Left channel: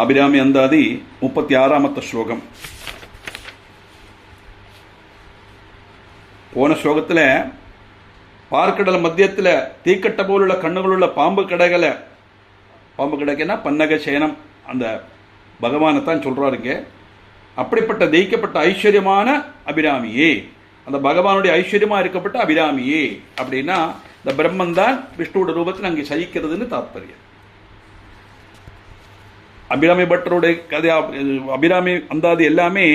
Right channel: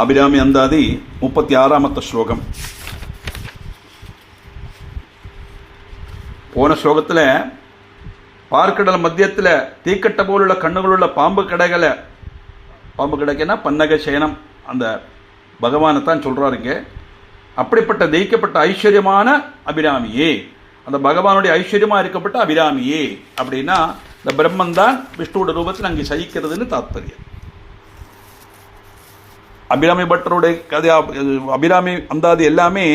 അഭിരാമി അന്താതി 36ാമത്തെ ശ്ലോകം. போன ஸ்லோகத்தில் பார்க்கடல் மத்தியத்தில் தீக்கட்ட போலுள்ள கண்ணுகளுள்ள பாம்பு கிடைக்கனா பன்னக சேனம் அந்த பகவானை தான் சொல்கிறாருங்க. அப்படிப்பட்ட தெய்க்கப்பட்ட ஐஸ்வர்யமான அபிராமியே, அந்த பகவானுடைய ஐஸ்வர்யமாக இருக்கப்பட்ட அபிராமியே அப்படின்னா இந்த பிரம்மன் தான் விஷ்ணுவோட ரூபத்தில் அங்கே சகிக்கிறதுன்னு தாத்பரியம். அபிராமி பட்டருடைய கதை, அபிராமி அந்தாதி எல்லாமே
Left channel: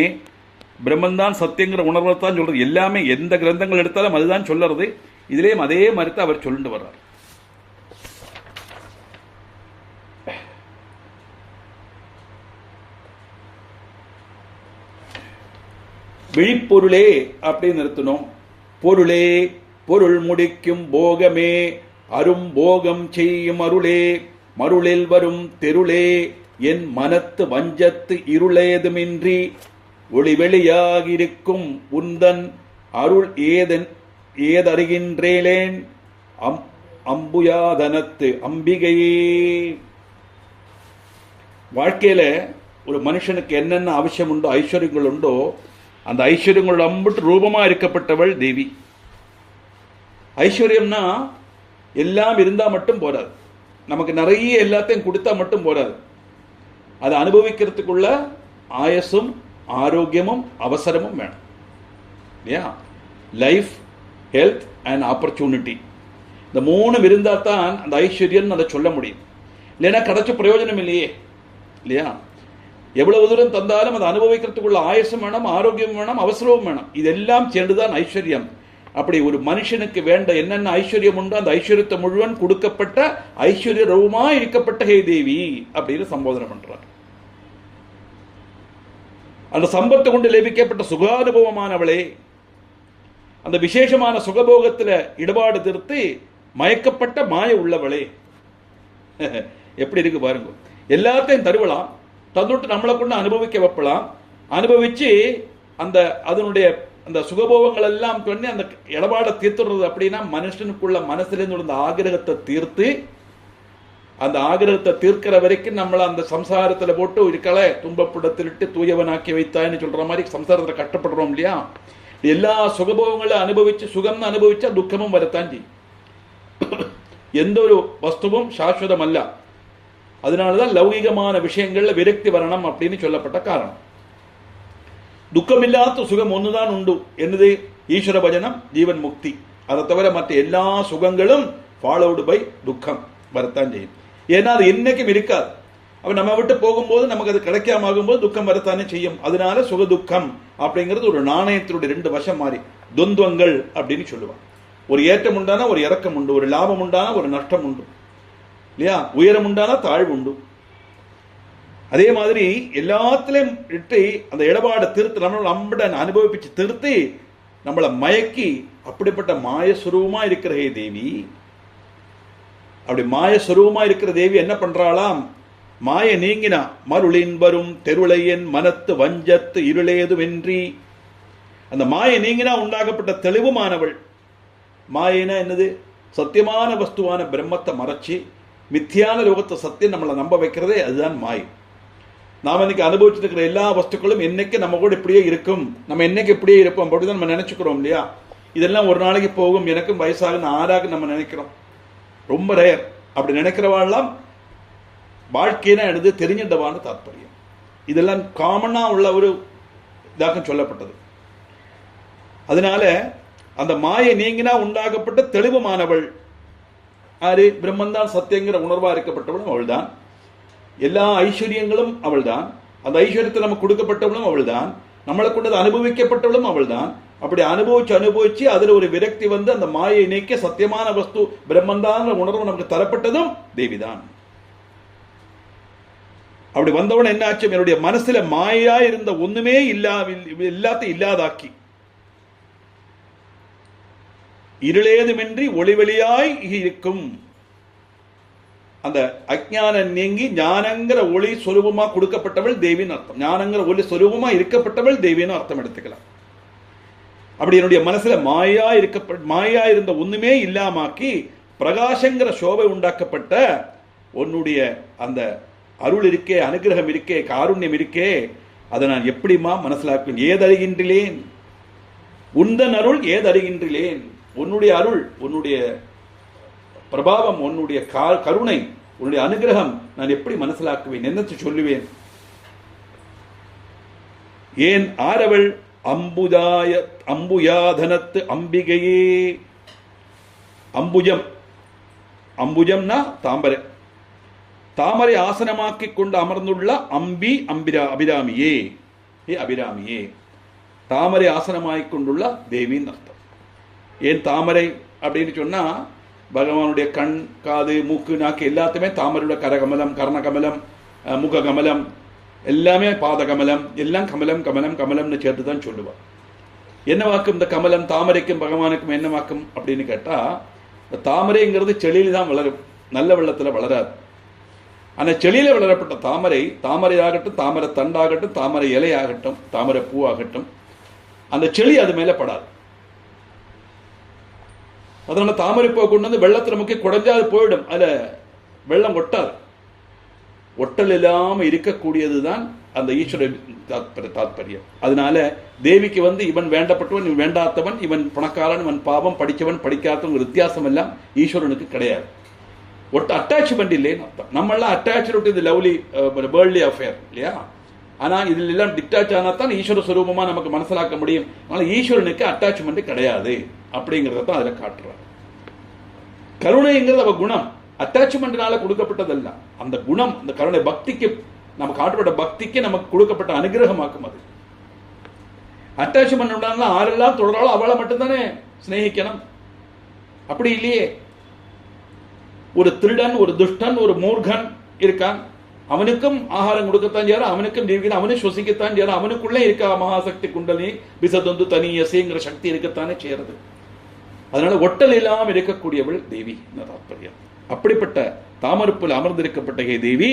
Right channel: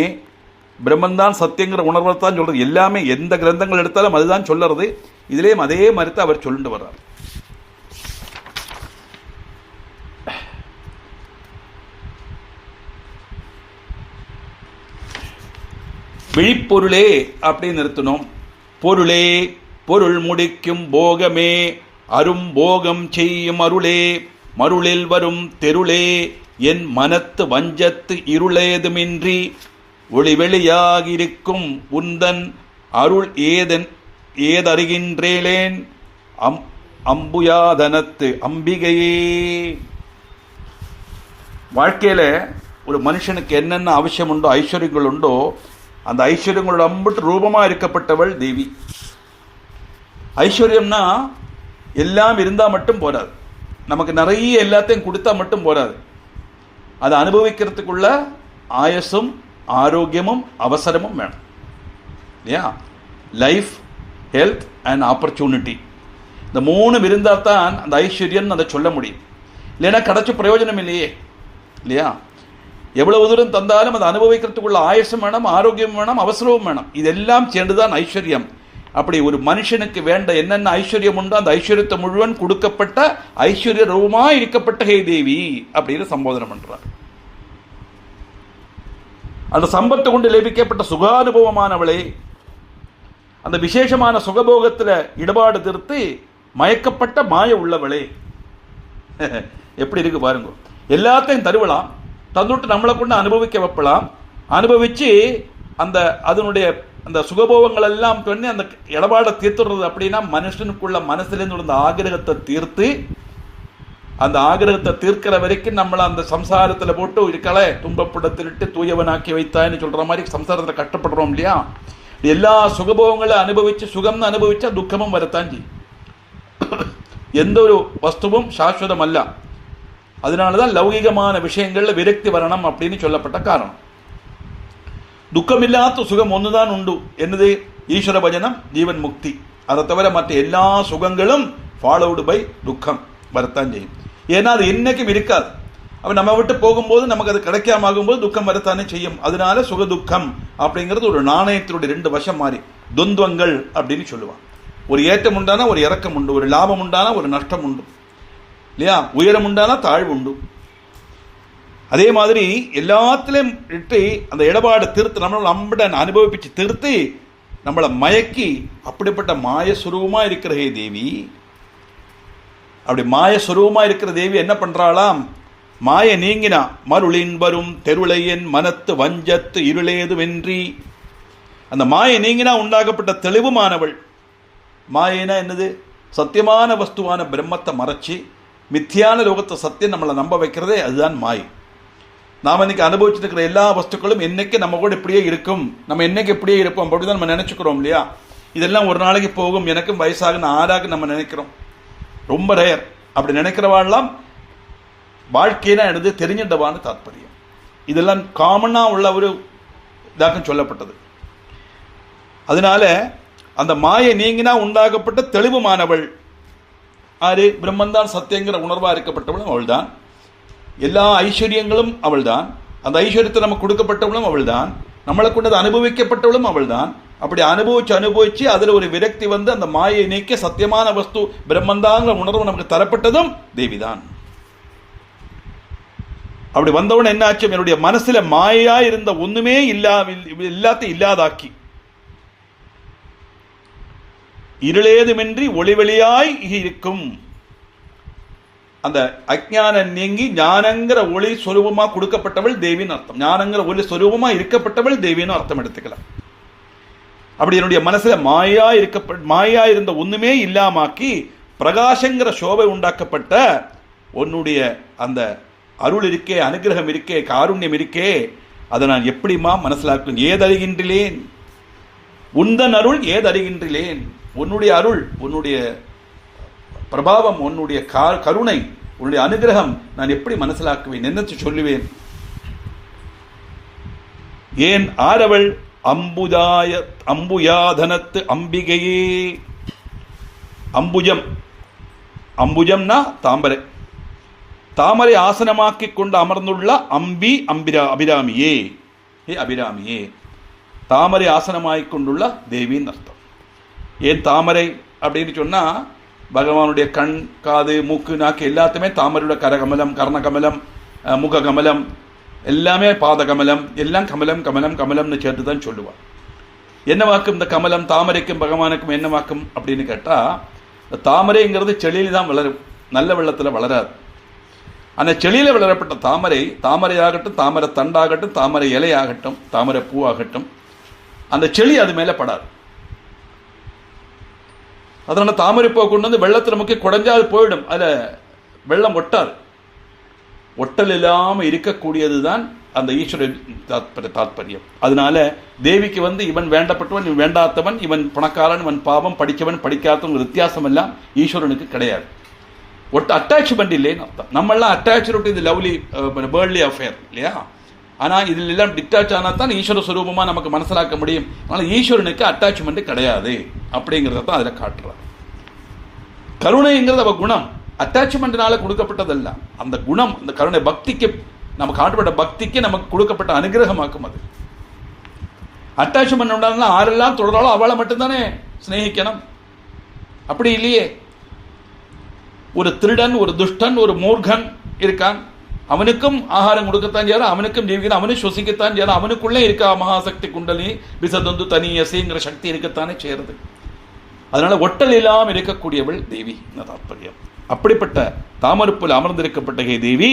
பிரம்மன் தான் சத்தியங்கிற உணர்வை தான் சொல்கிறது. எல்லாமே எந்த கிரந்தங்கள் எடுத்தாலும் அதுதான் சொல்லுறது. இதுலேயும் அதே மறுத்து அவர் சொல்லிட்டு வர்றார். விழிப்பொருளே அப்படின்னு நிறுத்தணும். பொருளே பொருள் முடிக்கும் போகமே அரும் போகம் செய்யும் அருளே மருளில் வரும் தெருளே என் மனத்து வஞ்சத்து இருளேதுமின்றி ஒளிவெளியாகிருக்கும் உந்தன் அருள் ஏதருகின்றேன் அம்புயாதனத்து அம்பிகையே. வாழ்க்கையில் ஒரு மனுஷனுக்கு என்னென்ன அவசியம் உண்டோ, ஐஸ்வர்யங்கள் உண்டோ, அந்த ஐஸ்வர்யங்களோட அம்பிட்டு ரூபமாக இருக்கப்பட்டவள் தேவி. ஐஸ்வர்யம்னா எல்லாம் இருந்தால் மட்டும் போராது, நமக்கு நிறைய எல்லாத்தையும் கொடுத்தா மட்டும் போராது. அதை அனுபவிக்கிறதுக்குள்ள ஆயசும் ஆரோக்கியமும் அவசரமும் வேணும் இல்லையா? லைஃப், ஹெல்த் அண்ட் ஆப்பர்ச்சுனிட்டி, இந்த மூணு இருந்தால் தான் அந்த ஐஸ்வர்யம்னு அதை சொல்ல முடியும். இல்லைன்னா கிடைச்ச பிரயோஜனம் இல்லையே இல்லையா? எவ்வளவு தூரம் தந்தாலும் அதை அனுபவிக்கிறதுக்குள்ள ஆயசம் வேணும், ஆரோக்கியம் வேணும், அவசரமும் வேணும். இதெல்லாம் சேர்ந்துதான் ஐஸ்வர்யம். அப்படி ஒரு மனுஷனுக்கு வேண்ட என்னென்ன ஐஸ்வர்யம் உண்டோ அந்த ஐஸ்வர்யத்தை முழுவன் கொடுக்கப்பட்ட ஐஸ்வர்ய ரூபமாக இருக்கப்பட்ட ஹே தேவி அப்படின்னு சம்போதனை பண்றார். அந்த சம்பத்தை கொண்டு லபிக்கப்பட்ட சுகானுபவமானவளே, அந்த விசேஷமான சுகபோகத்தில் ஈடுபாடு திருத்தி மயக்கப்பட்ட மாய உள்ளவளே. எப்படி இருக்கு பாருங்க. எல்லாத்தையும் தருவலாம், தந்துட்டு நம்மளை கொண்டு அனுபவிக்க வைப்பலாம். அனுபவிச்சு அந்த அதனுடைய அந்த சுகபோகங்கள் எல்லாம் பண்ணி அந்த இடபாடை தீர்த்துடுறது. அப்படின்னா மனுஷனுக்குள்ள மனசுலேருந்து அந்த ஆகிரகத்தை தீர்த்து, அந்த ஆகிரகத்தை தீர்க்கிற வரைக்கும் நம்மளை அந்த சம்சாரத்தில் போட்டு இருக்கலை துன்பப்படத்திலிட்டு தூயவனாக்கி வைத்தான்னு சொல்கிற மாதிரி சம்சாரத்தில் கஷ்டப்படுறோம் இல்லையா? எல்லா சுகபோகங்களை அனுபவித்து சுகம்னு அனுபவிச்சா துக்கமும் வரத்தான் செய்யும். எந்த ஒரு வஸ்துவும் சாஸ்வதம் அல்ல. அதனாலதான் லௌகிகமான விஷயங்கள்ல விரக்தி வரணும் அப்படின்னு சொல்லப்பட்ட காரணம். துக்கமில்லாத சுகம் ஒண்ணுதான் உண்டு. என்னது? ஈஸ்வர பஜனம், ஜீவன் முக்தி. அதை தவிர மற்ற எல்லா சுகங்களும் ஃபாலோடு பை துக்கம் வரத்தான் செய்யும். ஏன்னா அது என்னைக்கும் இருக்காது. அப்ப நம்ம விட்டு போகும்போது நமக்கு அது கிடைக்காம ஆகும்போது துக்கம் வரத்தானே செய்யும். அதனால சுக துக்கம் அப்படிங்கிறது ஒரு நாணயத்தினுடைய ரெண்டு வசம் மாதிரி துவந்தங்கள் அப்படின்னு சொல்லுவாங்க. ஒரு ஏற்றம் உண்டானா ஒரு இறக்கம் உண்டு, ஒரு லாபம் உண்டானா ஒரு நஷ்டம் உண்டு இல்லையா? உயரம் உண்டானா தாழ்வு உண்டு. அதே மாதிரி எல்லாத்திலையும் இட்டு அந்த இடபாடை திருத்து நம்மளை அனுபவிச்சு திருத்தி நம்மளை மயக்கி அப்படிப்பட்ட மாயஸ்வரூபமா இருக்கிற ஹே தேவி. அப்படி மாயஸ்வரூபமா இருக்கிற தேவி என்ன பண்றாளாம்? மாய நீங்கினா மருளின் வரும் தெருளையன் மனத்து வஞ்சத்து இருளேதுவென்றி. அந்த மாய நீங்கினா உண்டாகப்பட்ட தெளிவுமானவள். மாயினா என்னது? சத்தியமான வஸ்துவான பிரம்மத்தை மறைச்சி மித்தியான லோகத்தை சத்தியம் நம்மளை நம்ப வைக்கிறதே அதுதான் மாய். நாம் இன்னைக்கு அனுபவிச்சுட்டு இருக்கிற எல்லா வஸ்துக்களும் என்னைக்கு நம்ம கூட இப்படியே இருக்கும், நம்ம என்னைக்கு இப்படியே இருப்போம் அப்படிதான் நம்ம நினைச்சுக்கிறோம் இல்லையா? இதெல்லாம் ஒரு நாளைக்கு போகும், எனக்கும் வயசாக ஆறாக நம்ம நினைக்கிறோம். ரொம்ப ரேர். அப்படி நினைக்கிறவாள்லாம் வாழ்க்கையினா எடுத்து தெரிஞ்சிட்டவான்னு தாற்பயம். இதெல்லாம் காமனா உள்ள ஒரு இதாக சொல்லப்பட்டது. அதனால அந்த மாயை நீங்கினா உண்டாகப்பட்ட தெளிவுமானவள் ஆறு? பிரம்மன் தான் சத்தியங்கிற உணர்வா இருக்கப்பட்டவளும் அவள் தான். எல்லா ஐஸ்வர்யங்களும் அவள் தான். அந்த ஐஸ்வர்யத்தை நமக்கு கொடுக்கப்பட்டவளும் அவள் தான். நம்மளை கொண்டது அனுபவிக்கப்பட்டவளும் அவள் தான். அப்படி அனுபவிச்சு அதில் ஒரு விரக்தி வந்து அந்த மாயை நீக்க சத்தியமான வஸ்து பிரம்மந்தாங்கிற உணர்வு நமக்கு தரப்பட்டதும் தேவிதான். அப்படி வந்தவன் என்ன ஆச்சு? என்னுடைய மனசுல மாயா இருந்த ஒண்ணுமே எல்லாத்தையும் இல்லாதாக்கி இருளேதுமின்றி ஒளிவெளியாய் இருக்கும் அந்த அஜ்ஞானம் நீங்கி ஞானங்கிற ஒளி சொரூபமா கொடுக்கப்பட்டவள் தேவின்னு அர்த்தம். ஞானங்கிற ஒளி சொரூபமா இருக்கப்பட்டவள் தேவின்னு அர்த்தம் எடுத்துக்கலாம். அப்படி என்னுடைய மனசுல மாயா இருந்த ஒண்ணுமே இல்லாமாக்கி பிரகாசங்கிற சோபை உண்டாக்கப்பட்ட உன்னுடைய அந்த அருள் இருக்கே, அனுகிரகம் இருக்கே, காருண்யம் இருக்கே, அதை நான் எப்படிமா மனசிலாக்குவேன்? ஏதறிகின்றேன் உந்தன் அருள், ஏதறிகின்றேன் உன்னுடைய அருள், உன்னுடைய பிரபாவம், உன்னுடைய கருணை, உன்னுடைய அனுகிரகம் நான் எப்படி மனசிலாக்குவேன்? என்னத்தை சொல்லுவேன்? ஏன் ஆரவள் அம்புயாதனத்து அம்பிகையே. அம்புஜம், அம்புஜம்னா தாமரை, தாமரை ஆசனமாக்கி கொண்டு அமர்ந்துள்ள அம்பி அபிராமியே, அபிராமியே, தாமரை ஆசனமாக்கிக் கொண்டுள்ள தேவின்னு அர்த்தம். ஏன் தாமரை அப்படின்னு சொன்னா, பகவானுடைய கண், காது, மூக்கு, நாக்கு எல்லாத்தையுமே தாமரையோட கரகமலம், கர்ணகமலம், முககமலம், எல்லாமே பாதகமலம், எல்லாம் கமலம் கமலம் கமலம்னு சேர்த்து தான் சொல்லுவார். என்ன வாக்கும் இந்த கமலம்? தாமரைக்கும் பகவானுக்கும் என்ன வாக்கும் அப்படின்னு கேட்டால், இந்த தாமரைங்கிறது செடியில் தான் வளரும், நல்ல வெள்ளத்தில் வளராது. அந்த செடியில் வளரப்பட்ட தாமரை, தாமரையாகட்டும், தாமரை தண்டாகட்டும், தாமரை இலையாகட்டும், தாமரை பூவாகட்டும், அந்த செடி அது மேலே படாது. அதனால தாமரை பூவை கொண்டு வந்து வெள்ளத்தில் முக்கிய குடைஞ்சா அது போயிடும், அதில் வெள்ளம் ஒட்டாது. ஒட்டல் இல்லாமல் இருக்கக்கூடியது தான் அந்த ஈஸ்வர தாத்பரியம். அதனால தேவிக்கு வந்து இவன் வேண்டப்பட்டவன், இவன் வேண்டாத்தவன், இவன் பணக்காரன், இவன் பாவம், படித்தவன் படிக்காதவன் வித்தியாசம் எல்லாம் ஈஸ்வரனுக்கு கிடையாது. ஒட்டு அட்டாச்மெண்ட் இல்லைன்னு அர்த்தம். நம்மளாம் அட்டாச்சு டு இது லவ்லி வேர்ல்ட்லி அஃபேர் இல்லையா? ஆனால் இதில் எல்லாம் டிட்டாச் ஆனால் தான் ஈஸ்வர சுரூபமாக நமக்கு மனசிலாக்க முடியும். அதனால் ஈஸ்வரனுக்கு அட்டாச்மெண்ட் கிடையாது அப்படிங்கிறத தான் அதில் காட்டுறார். கருணைங்கிறது அவ குணம், அட்டாச்மெண்ட்னால கொடுக்கப்பட்டதல்ல. அந்த குணம், அந்த கருணை, பக்திக்கு நமக்கு காட்டப்பட்ட பக்திக்கு நமக்கு கொடுக்கப்பட்ட அனுகிரகமாக்கும். அது அட்டாச்மெண்ட் உண்டான ஆரெல்லாம் தொடராலும் அவளை மட்டும்தானே ஸ்நேகிக்கணும். அப்படி இல்லையே. ஒரு திருடன், ஒரு துஷ்டன், ஒரு மூர்கன் இருக்கான், அவனுக்கும் ஆகாரம் கொடுக்கத்தான் செய்யற, அவனுக்கும் ஜீவிக்க, அவனும் சுவசிக்கத்தான் செய்யற, அவனுக்குள்ளே இருக்கா மகாசக்தி குண்டலி விசதந்து தனியசைங்கிற சக்தி இருக்கத்தானே செய்யறது. அதனால ஒட்டல் இல்லாமல் இருக்கக்கூடியவள் தேவி தாத்பரியம். அப்படிப்பட்ட தாமரப்பில் அமர்ந்திருக்கப்பட்ட ஹே தேவி,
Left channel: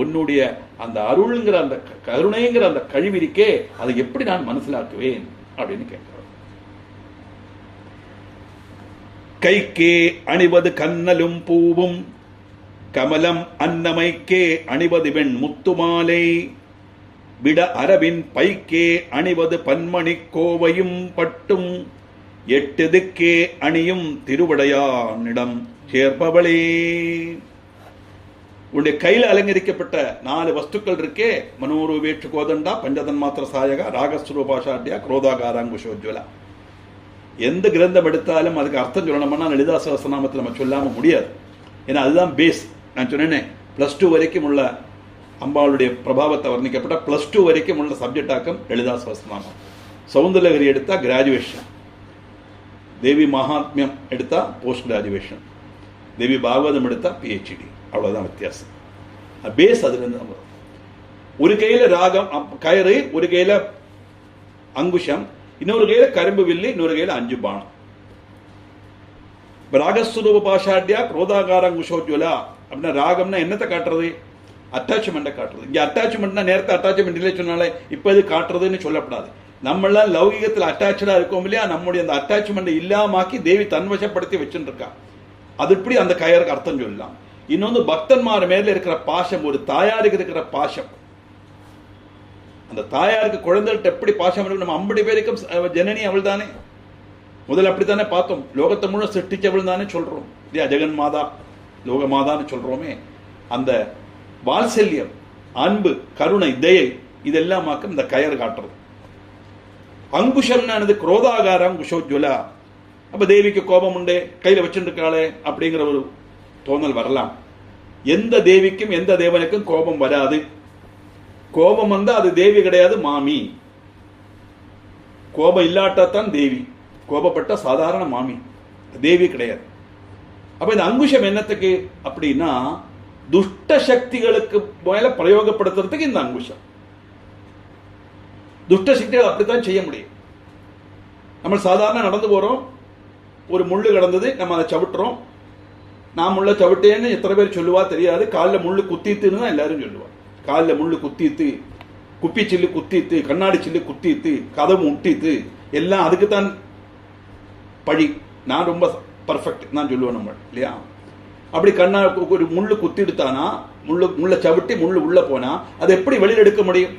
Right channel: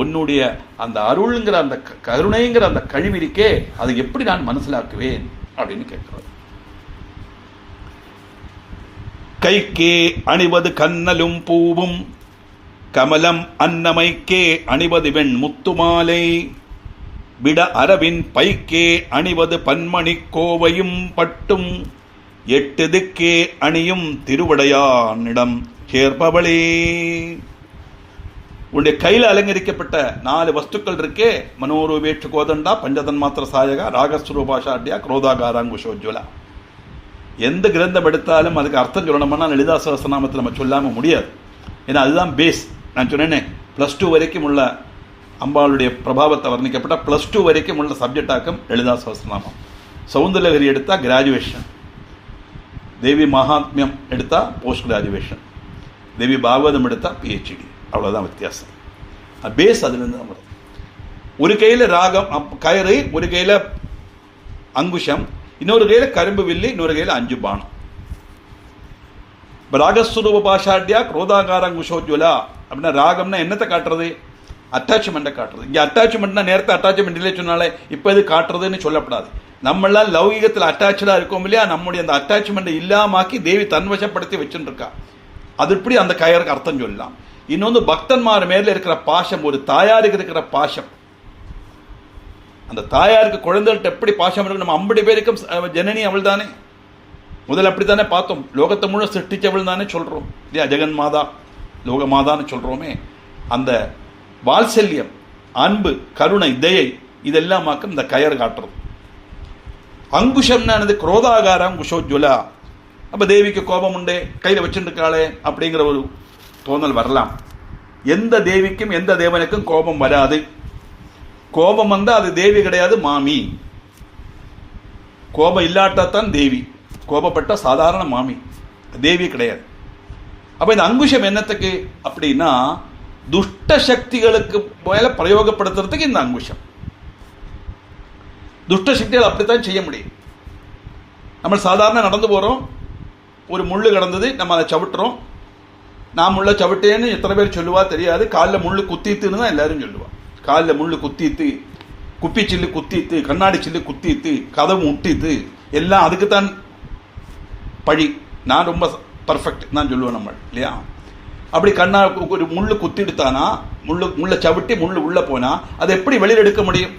உன்னுடைய அந்த அருள்ங்கிற அந்த கருணைங்கிற அந்த கழிவிருக்கே, அதை எப்படி நான் மனசிலாக்குவேன் அப்படின்னு கேட்கிறார். கைக்கே அணிவது கண்ணலும் பூவும், கமலம் அன்னமைக்கே அணிவது வெண் முத்துமாலை, விட அரவின் பைக்கே அணிவது பன்மணி கோவையும் பட்டும், எட்டு திக்கே அணியும் திருவடையானிடம் சேர்ப்பவளே. உன்னுடைய கையில் அலங்கரிக்கப்பட்ட 4 வஸ்துக்கள் இருக்கே, மனோரூபேட்சு கோதண்டா, பஞ்சதன் மாத்திர சாயகா, ராகஸ்வரூபாஷாட்யா, குரோதாகாராங்குஷோஜ்வலா. எந்த கிரந்தம் எடுத்தாலும் அதுக்கு அர்த்தம் சொல்லணும்னா லலிதா சகஸ்ரநாமத்தில் நம்ம சொல்லாமல் முடியாது. ஏன்னா அதுதான் பேஸ். நான் சொன்னேனே, +2 வரைக்கும் உள்ள அம்பாளுடைய பிரபாவத்தை வர்ணிக்கப்பட்ட +2 வரைக்கும் உள்ள சப்ஜெக்டாக்கம் லலிதா சகஸ்ரநாமம். சௌந்தரலஹரி எடுத்தால் கிராஜுவேஷன், தேவி மகாத்மியம் எடுத்தால் போஸ்ட் கிராஜுவேஷன், தேவி பாகவதம் எடுத்தால் PhD. அவ்வளோதான் வித்தியாசம். பேஸ் அதுலேருந்து தான் வரும். ஒரு கையில் ராகம் கயிறு, ஒரு கையில் அங்குஷம், இன்னொரு கையில் கரும்பு வில்லி, இன்னொரு கையில் 5 பானம். இப்போ ராகஸ்வரூப பாஷாட்யா குரோதாகாரங்குஷோஜ்வலா அப்படின்னா ராகம்னா என்னத்தை காட்டுறது? அட்டாச்மெண்ட்டை காட்டுறது. இங்கே அட்டாச்மெண்ட்னா நேரத்தை அட்டாச்மெண்ட் இல்லை சொன்னாலே இப்போ இது காட்டுறதுன்னு சொல்லப்படாது. நம்மளாம் லௌகிகத்தில் அட்டாச்சாக இருக்கோம் இல்லையா, நம்முடைய அந்த அட்டாச்மெண்ட்டை இல்லாமாக்கி தேவி தன்வசப்படுத்தி வச்சுட்டு இருக்கா. அது இப்படி அந்த கயருக்கு அர்த்தம் சொல்லலாம். இன்னொன்று பக்தன்மார் மேல இருக்கிற பாசம், ஒரு தாயாருக்கு இருக்கிற பாசம். அந்த தாயாருக்கு குழந்தைகிட்ட எப்படி பாசம் இருக்கு? நம்ம 50 பேருக்கும் ஜனனி அவள் தானே. முதல்ல அப்படித்தானே பார்த்தோம். லோகத்தை முழு சிருஷ்டிச்சவள் தானே சொல்றோம் இல்லையா? ஜெகன் மாதா, லோக மாதான்னு சொல்றோமே. அந்த வாத்சல்யம், அன்பு, கருணை, தயை இதெல்லாமாக்கும் இந்த கயர் காட்டுறது. அங்குஷம்னானது குரோதாகாரம் குஷோஜ்வலா. அப்போ தேவிக்கு கோபம் உண்டே, கையில் வச்சுருக்காளே அப்படிங்கிற ஒரு தோணல் வரலாம். எந்த தேவிக்கும் எந்த தேவனுக்கும் கோபம் வராது. கோபம் வந்தால் அது தேவி கிடையாது, மாமி. கோபம் இல்லாட்டாத்தான் தேவி, கோபப்பட்ட சாதாரண மாமி, தேவி கிடையாது. அப்போ இந்த அங்குஷம் என்னத்துக்கு அப்படின்னா, துஷ்ட சக்திகளுக்கு மேல பிரயோகப்படுத்துறதுக்கு இந்த அங்குஷம். துஷ்ட சக்திகள் அப்படித்தான் செய்ய முடியும். நம்ம சாதாரண நடந்து போகிறோம், ஒரு முள்ளு கிடந்தது, நம்ம அதை சவிட்டுறோம். நான் முள்ள சவிட்டேன்னு எத்தனை பேர் சொல்லுவா தெரியாது. காலில் முள்ளு குத்தித்துன்னு தான் எல்லாரும் சொல்லுவா. காலில் முள்ளு குத்தித்து, குப்பி சில்லு குத்தித்து, கண்ணாடி சில்லு குத்தித்து, கதவு முட்டித்து, எல்லாம் அதுக்குத்தான் பழி. நான் ரொம்ப பர்ஃபெக்ட் தான் சொல்லுவேன் நம்ம இல்லையா? அப்படி கண்ணா ஒரு முள்ளு குத்திடுத்தானா, முள்ள சவிட்டி முள்ளு உள்ள போனா அதை எப்படி வெளியில் எடுக்க முடியும்?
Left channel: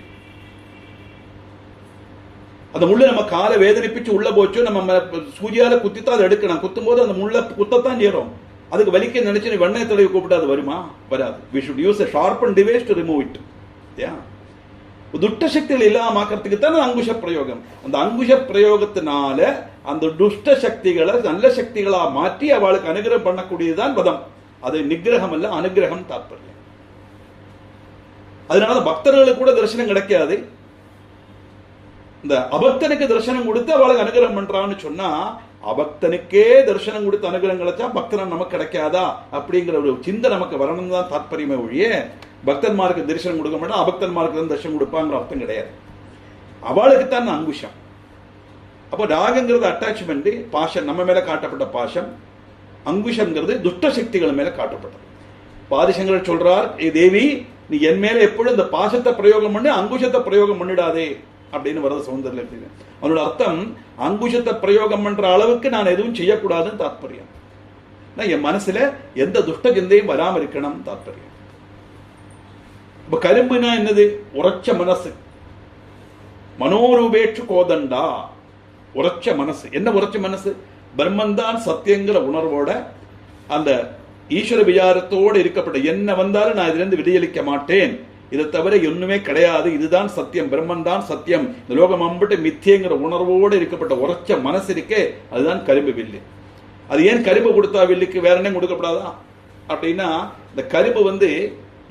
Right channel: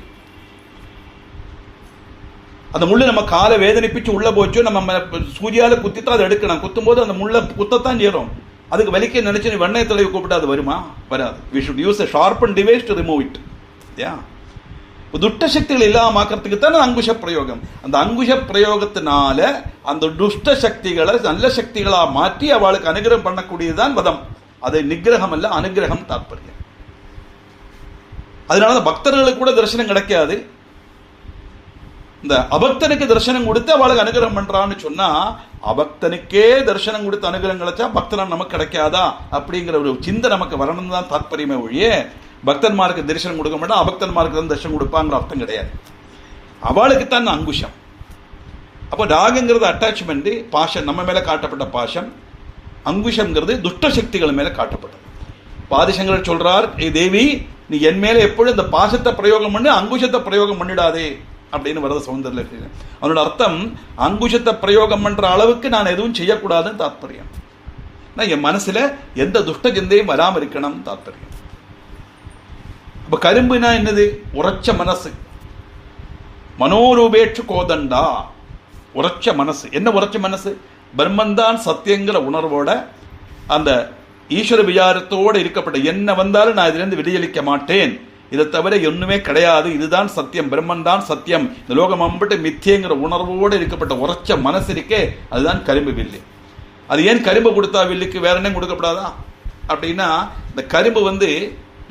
அந்த முள்ளு நம்ம காலை வேதனைப்பிச்சு உள்ள போச்சோ, நம்ம சூர்யால குத்தித்தான் அதை எடுக்கணும். குத்தும் போது அந்த முள்ள குத்தத்தான் செய்யறோம். அதுக்கு வலிக்க நினைச்சு வெண்ணெய் தடவி கூப்பிட்டு அது வருமா? வராது. We should use a sharpened device to remove it. துஷ்ட சக்திகள் இல்லாமக்கிறதுக்கு தான் அங்குஷ பிரயோகம். அந்த அங்குஷ பிரயோகத்தினால அந்த துஷ்ட சக்திகளை நல்ல சக்திகளா மாற்றி அவளுக்கு அனுகிரகம் பண்ணக்கூடியதுதான் வதம். அது நிகிரகம் அல்ல, அனுகிரகம் தாற்பயம். அதனால பக்தர்களுக்கு கூட தரிசனம் கிடைக்காது. இந்த அபக்தனுக்கு தரிசனம் கொடுத்து அவளுக்கு அனுகிரகம் பண்றான்னு சொன்னா, அபக்தனுக்கே தரிசனம் கொடுத்து அனுகிரகம் கிடைச்சா பக்தனம் நமக்கு கிடைக்காதா அப்படிங்கிற ஒரு சிந்தை நமக்கு வரணும் தான் தாற்பயமே ஒழிய, பக்தன்மாருக்கு தரிசனம் கொடுக்க மாட்டா அபக்தன்மாருக்கு தான் தரிசனம் கொடுப்பாங்கிற அர்த்தம் கிடையாது. அவளுக்கு தான் அங்குஷம். அப்போ ராகங்கிறது அட்டாச்மெண்ட், பாஷம், நம்ம மேல காட்டப்பட்ட பாஷம். அங்குஷங்கிறது துஷ்ட சக்திகள் மேல காட்டப்பட்டது. பாதிசங்கர் சொல்றார், ஏ தேவி, நீ என் மேல எப்பொழுது இந்த பாசத்தை பிரயோகம் பண்ணி அங்குஷத்தை பிரயோகம் பண்ணிடாதே அப்படின்னு வரது சௌந்தர்ல இருக்கு. அவனோட அர்த்தம், அங்குஷத்தை பிரயோகம் பண்ற அளவுக்கு நான் எதுவும் செய்யக்கூடாதுன்னு தாத்பரியம். என் மனசுல எந்த துஷ்ட சிந்தையும் வராம இருக்கணும் தாத்பரியம். இப்ப கரும்புனா என்னது? உரைச்ச மனசு. மனோரூபேற்று கோதண்டா, உரைச்ச மனசு. என்ன உரைச்ச மனசு? பிரம்மந்தான் சத்தியங்கிற உணர்வோட, அந்த ஈஸ்வர விசாரத்தோடு இருக்கப்பட்ட என்ன வந்தாலும் நான் இதிலிருந்து விடுதலிக்க மாட்டேன், இதை தவிர ஒண்ணுமே கிடையாது, இதுதான் சத்தியம், பிரம்மன் தான் சத்தியம், இந்த லோகம் அம்பிட்டு மித்தியங்கிற உணர்வோடு இருக்கப்பட்ட உரைச்ச மனசு இருக்கே, அதுதான் கரும்பு வில்லு. அது ஏன் கரும்பு கொடுத்தா வில்லுக்கு வேற என்ன கொடுக்கப்படாதா அப்படின்னா, இந்த கரும்பு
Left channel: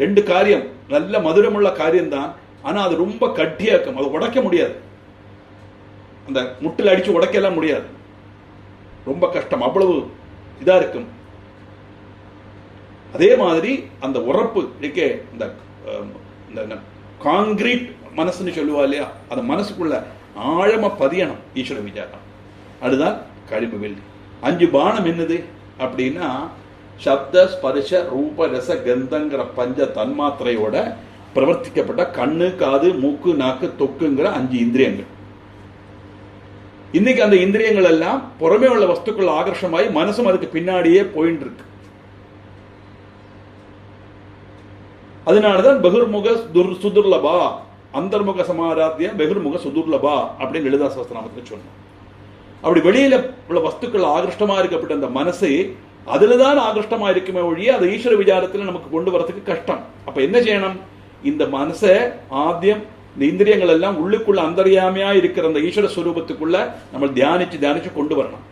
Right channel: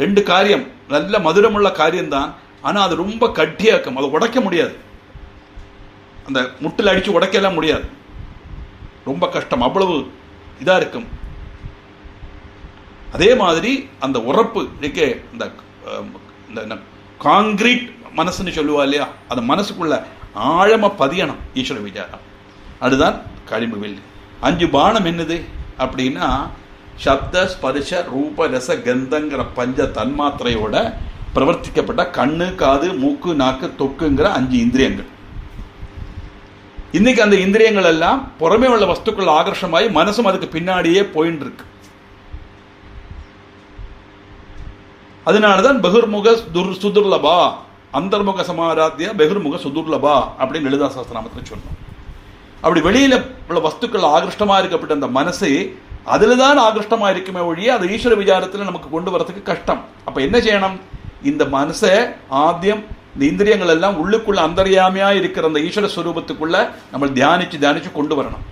ரெண்டு காரியம், நல்ல மதுரமுள்ள காரியம்தான், ஆனா அது ரொம்ப கட்டியாக்கும், அதை உடைக்க முடியாது. அந்த முட்டில் அடிச்சு உடைக்கலாம் முடியாது, ரொம்ப கஷ்டம், அவ்வளவு இதா இருக்கும். அதே மாதிரி அந்த உரப்பு இருக்கே, இந்த காங்கிரீட் மனசுன்னு சொல்லுவா இல்லையா, அந்த மனசுக்குள்ள ஆழமா பதியணும் ஈஸ்வர விசாரம். அதுதான் கரும்பு வில். 5 பானம் என்னது அப்படின்னா, சப்த ஸ்பர்ஷ ரூப ரச கந்தங்கிற பஞ்ச தன்மாத்திரையோட பிரவர்த்திக்கப்பட்ட கண்ணு, காது, மூக்கு, நாக்கு, தொக்குங்கிற 5 இந்திரியங்கள். இன்னைக்கு அந்த இந்திரியங்கள் எல்லாம் புறமே உள்ள வஸ்துக்கள் ஆகர்ஷமாயி மனசும் அதுக்கு பின்னாடியே போயின்னு இருக்கு. அதனாலதான் பகுர்முக சுதுர்லபா, அந்தர்முக சமாராத்தியா பகுர்முக சுதுர்லபா அப்படின்னு லலிதா சஹஸ்ரநாமத்தில் சொன்னோம். அப்படி வெளியில உள்ள வஸ்துக்கள் ஆகிருஷ்டமா இருக்கப்பட்ட அந்த மனசு அதுலதான் ஆகிருஷ்டமா இருக்குமே ஒழிய அது ஈஸ்வர விசாரத்துல நமக்கு கொண்டு வரதுக்கு கஷ்டம். அப்ப என்ன செய்யணும்? இந்த மனசை ஆத்தியம், இந்த இந்திரியங்கள் எல்லாம் உள்ளுக்குள்ள அந்தர்யாமியா இருக்கிற அந்த ஈஸ்வர ஸ்வரூபத்துக்குள்ள நம்ம தியானிச்சு கொண்டு வரணும்.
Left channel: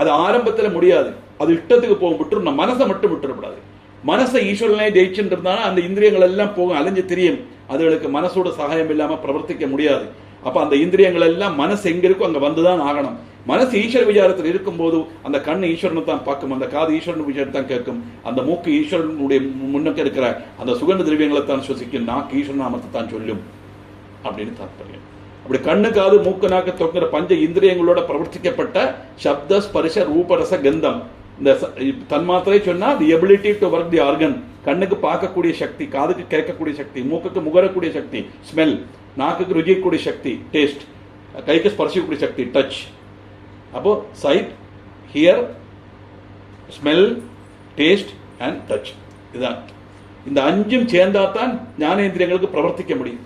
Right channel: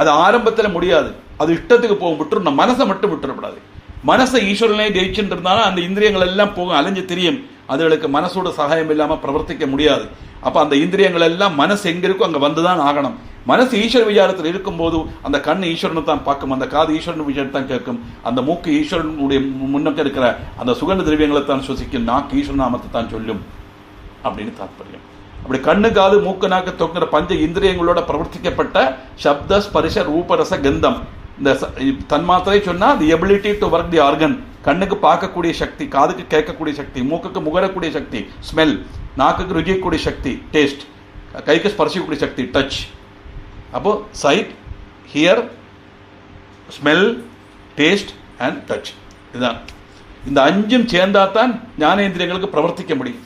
அது ஆரம்பத்தில் முடியாது, அது இஷ்டத்துக்கு போகும், விட்டுறணும். மனசை மட்டும் விட்டுறக்கூடாது. மனசை ஈஸ்வரனே ஜெயிச்சுட்டு இருந்தாலும் அந்த இந்திரியங்கள் எல்லாம் போகும், அலைஞ்சு தெரியும், அதுகளுக்கு மனசோட சகாயம் இல்லாம பிரவர்த்திக்க முடியாது. அப்ப அந்த இந்திரியங்கள் எல்லாம் மனசு எங்க இருக்கும் அங்க வந்துதான் ஆகணும். மனசு ஈஸ்வர விசாரத்தில் இருக்கும் போது அந்த கண்ணு ஈஸ்வரனை தான் பார்க்கும், அந்த காது ஈஸ்வரன் விசாரத்தை தான் கேட்கும், அந்த மூக்கு ஈஸ்வரனுடைய முன்னக்க இருக்கிற அந்த சுகந்த திரவியங்களை தான் சுவசிக்கும், நாக்கு ஈஸ்வரன் நாமத்தை தான் சொல்லும் அப்படின்னு தாற்பயம். அப்படி கண்ணு, காது, மூக்கு, நாக்கு, தொங்குற பஞ்ச இந்திரியங்களோட பிரவர்த்திக்கப்பட்ட சப்த ஸ்பரிச ரூபரச கந்தம், இந்த தன்மாத்திரை சொன்னா தி ability to work the organ. கண்ணுக்கு பார்க்கக்கூடிய சக்தி, காதுக்கு கேட்கக்கூடிய சக்தி, மூக்குக்கு முகரக்கூடிய சக்தி ஸ்மெல், நாக்குக்கு ருசிக்கக்கூடிய சக்தி டேஸ்ட், கைக்கு ஸ்பர்சிக்கக்கூடிய சக்தி டச். அப்போ sight, hear, smell, taste and touch. இதுதான் இந்த 5ம் சேர்ந்தாதான் ஞானேந்திரியங்களுக்கு பிரவர்த்திக்க முடியும்.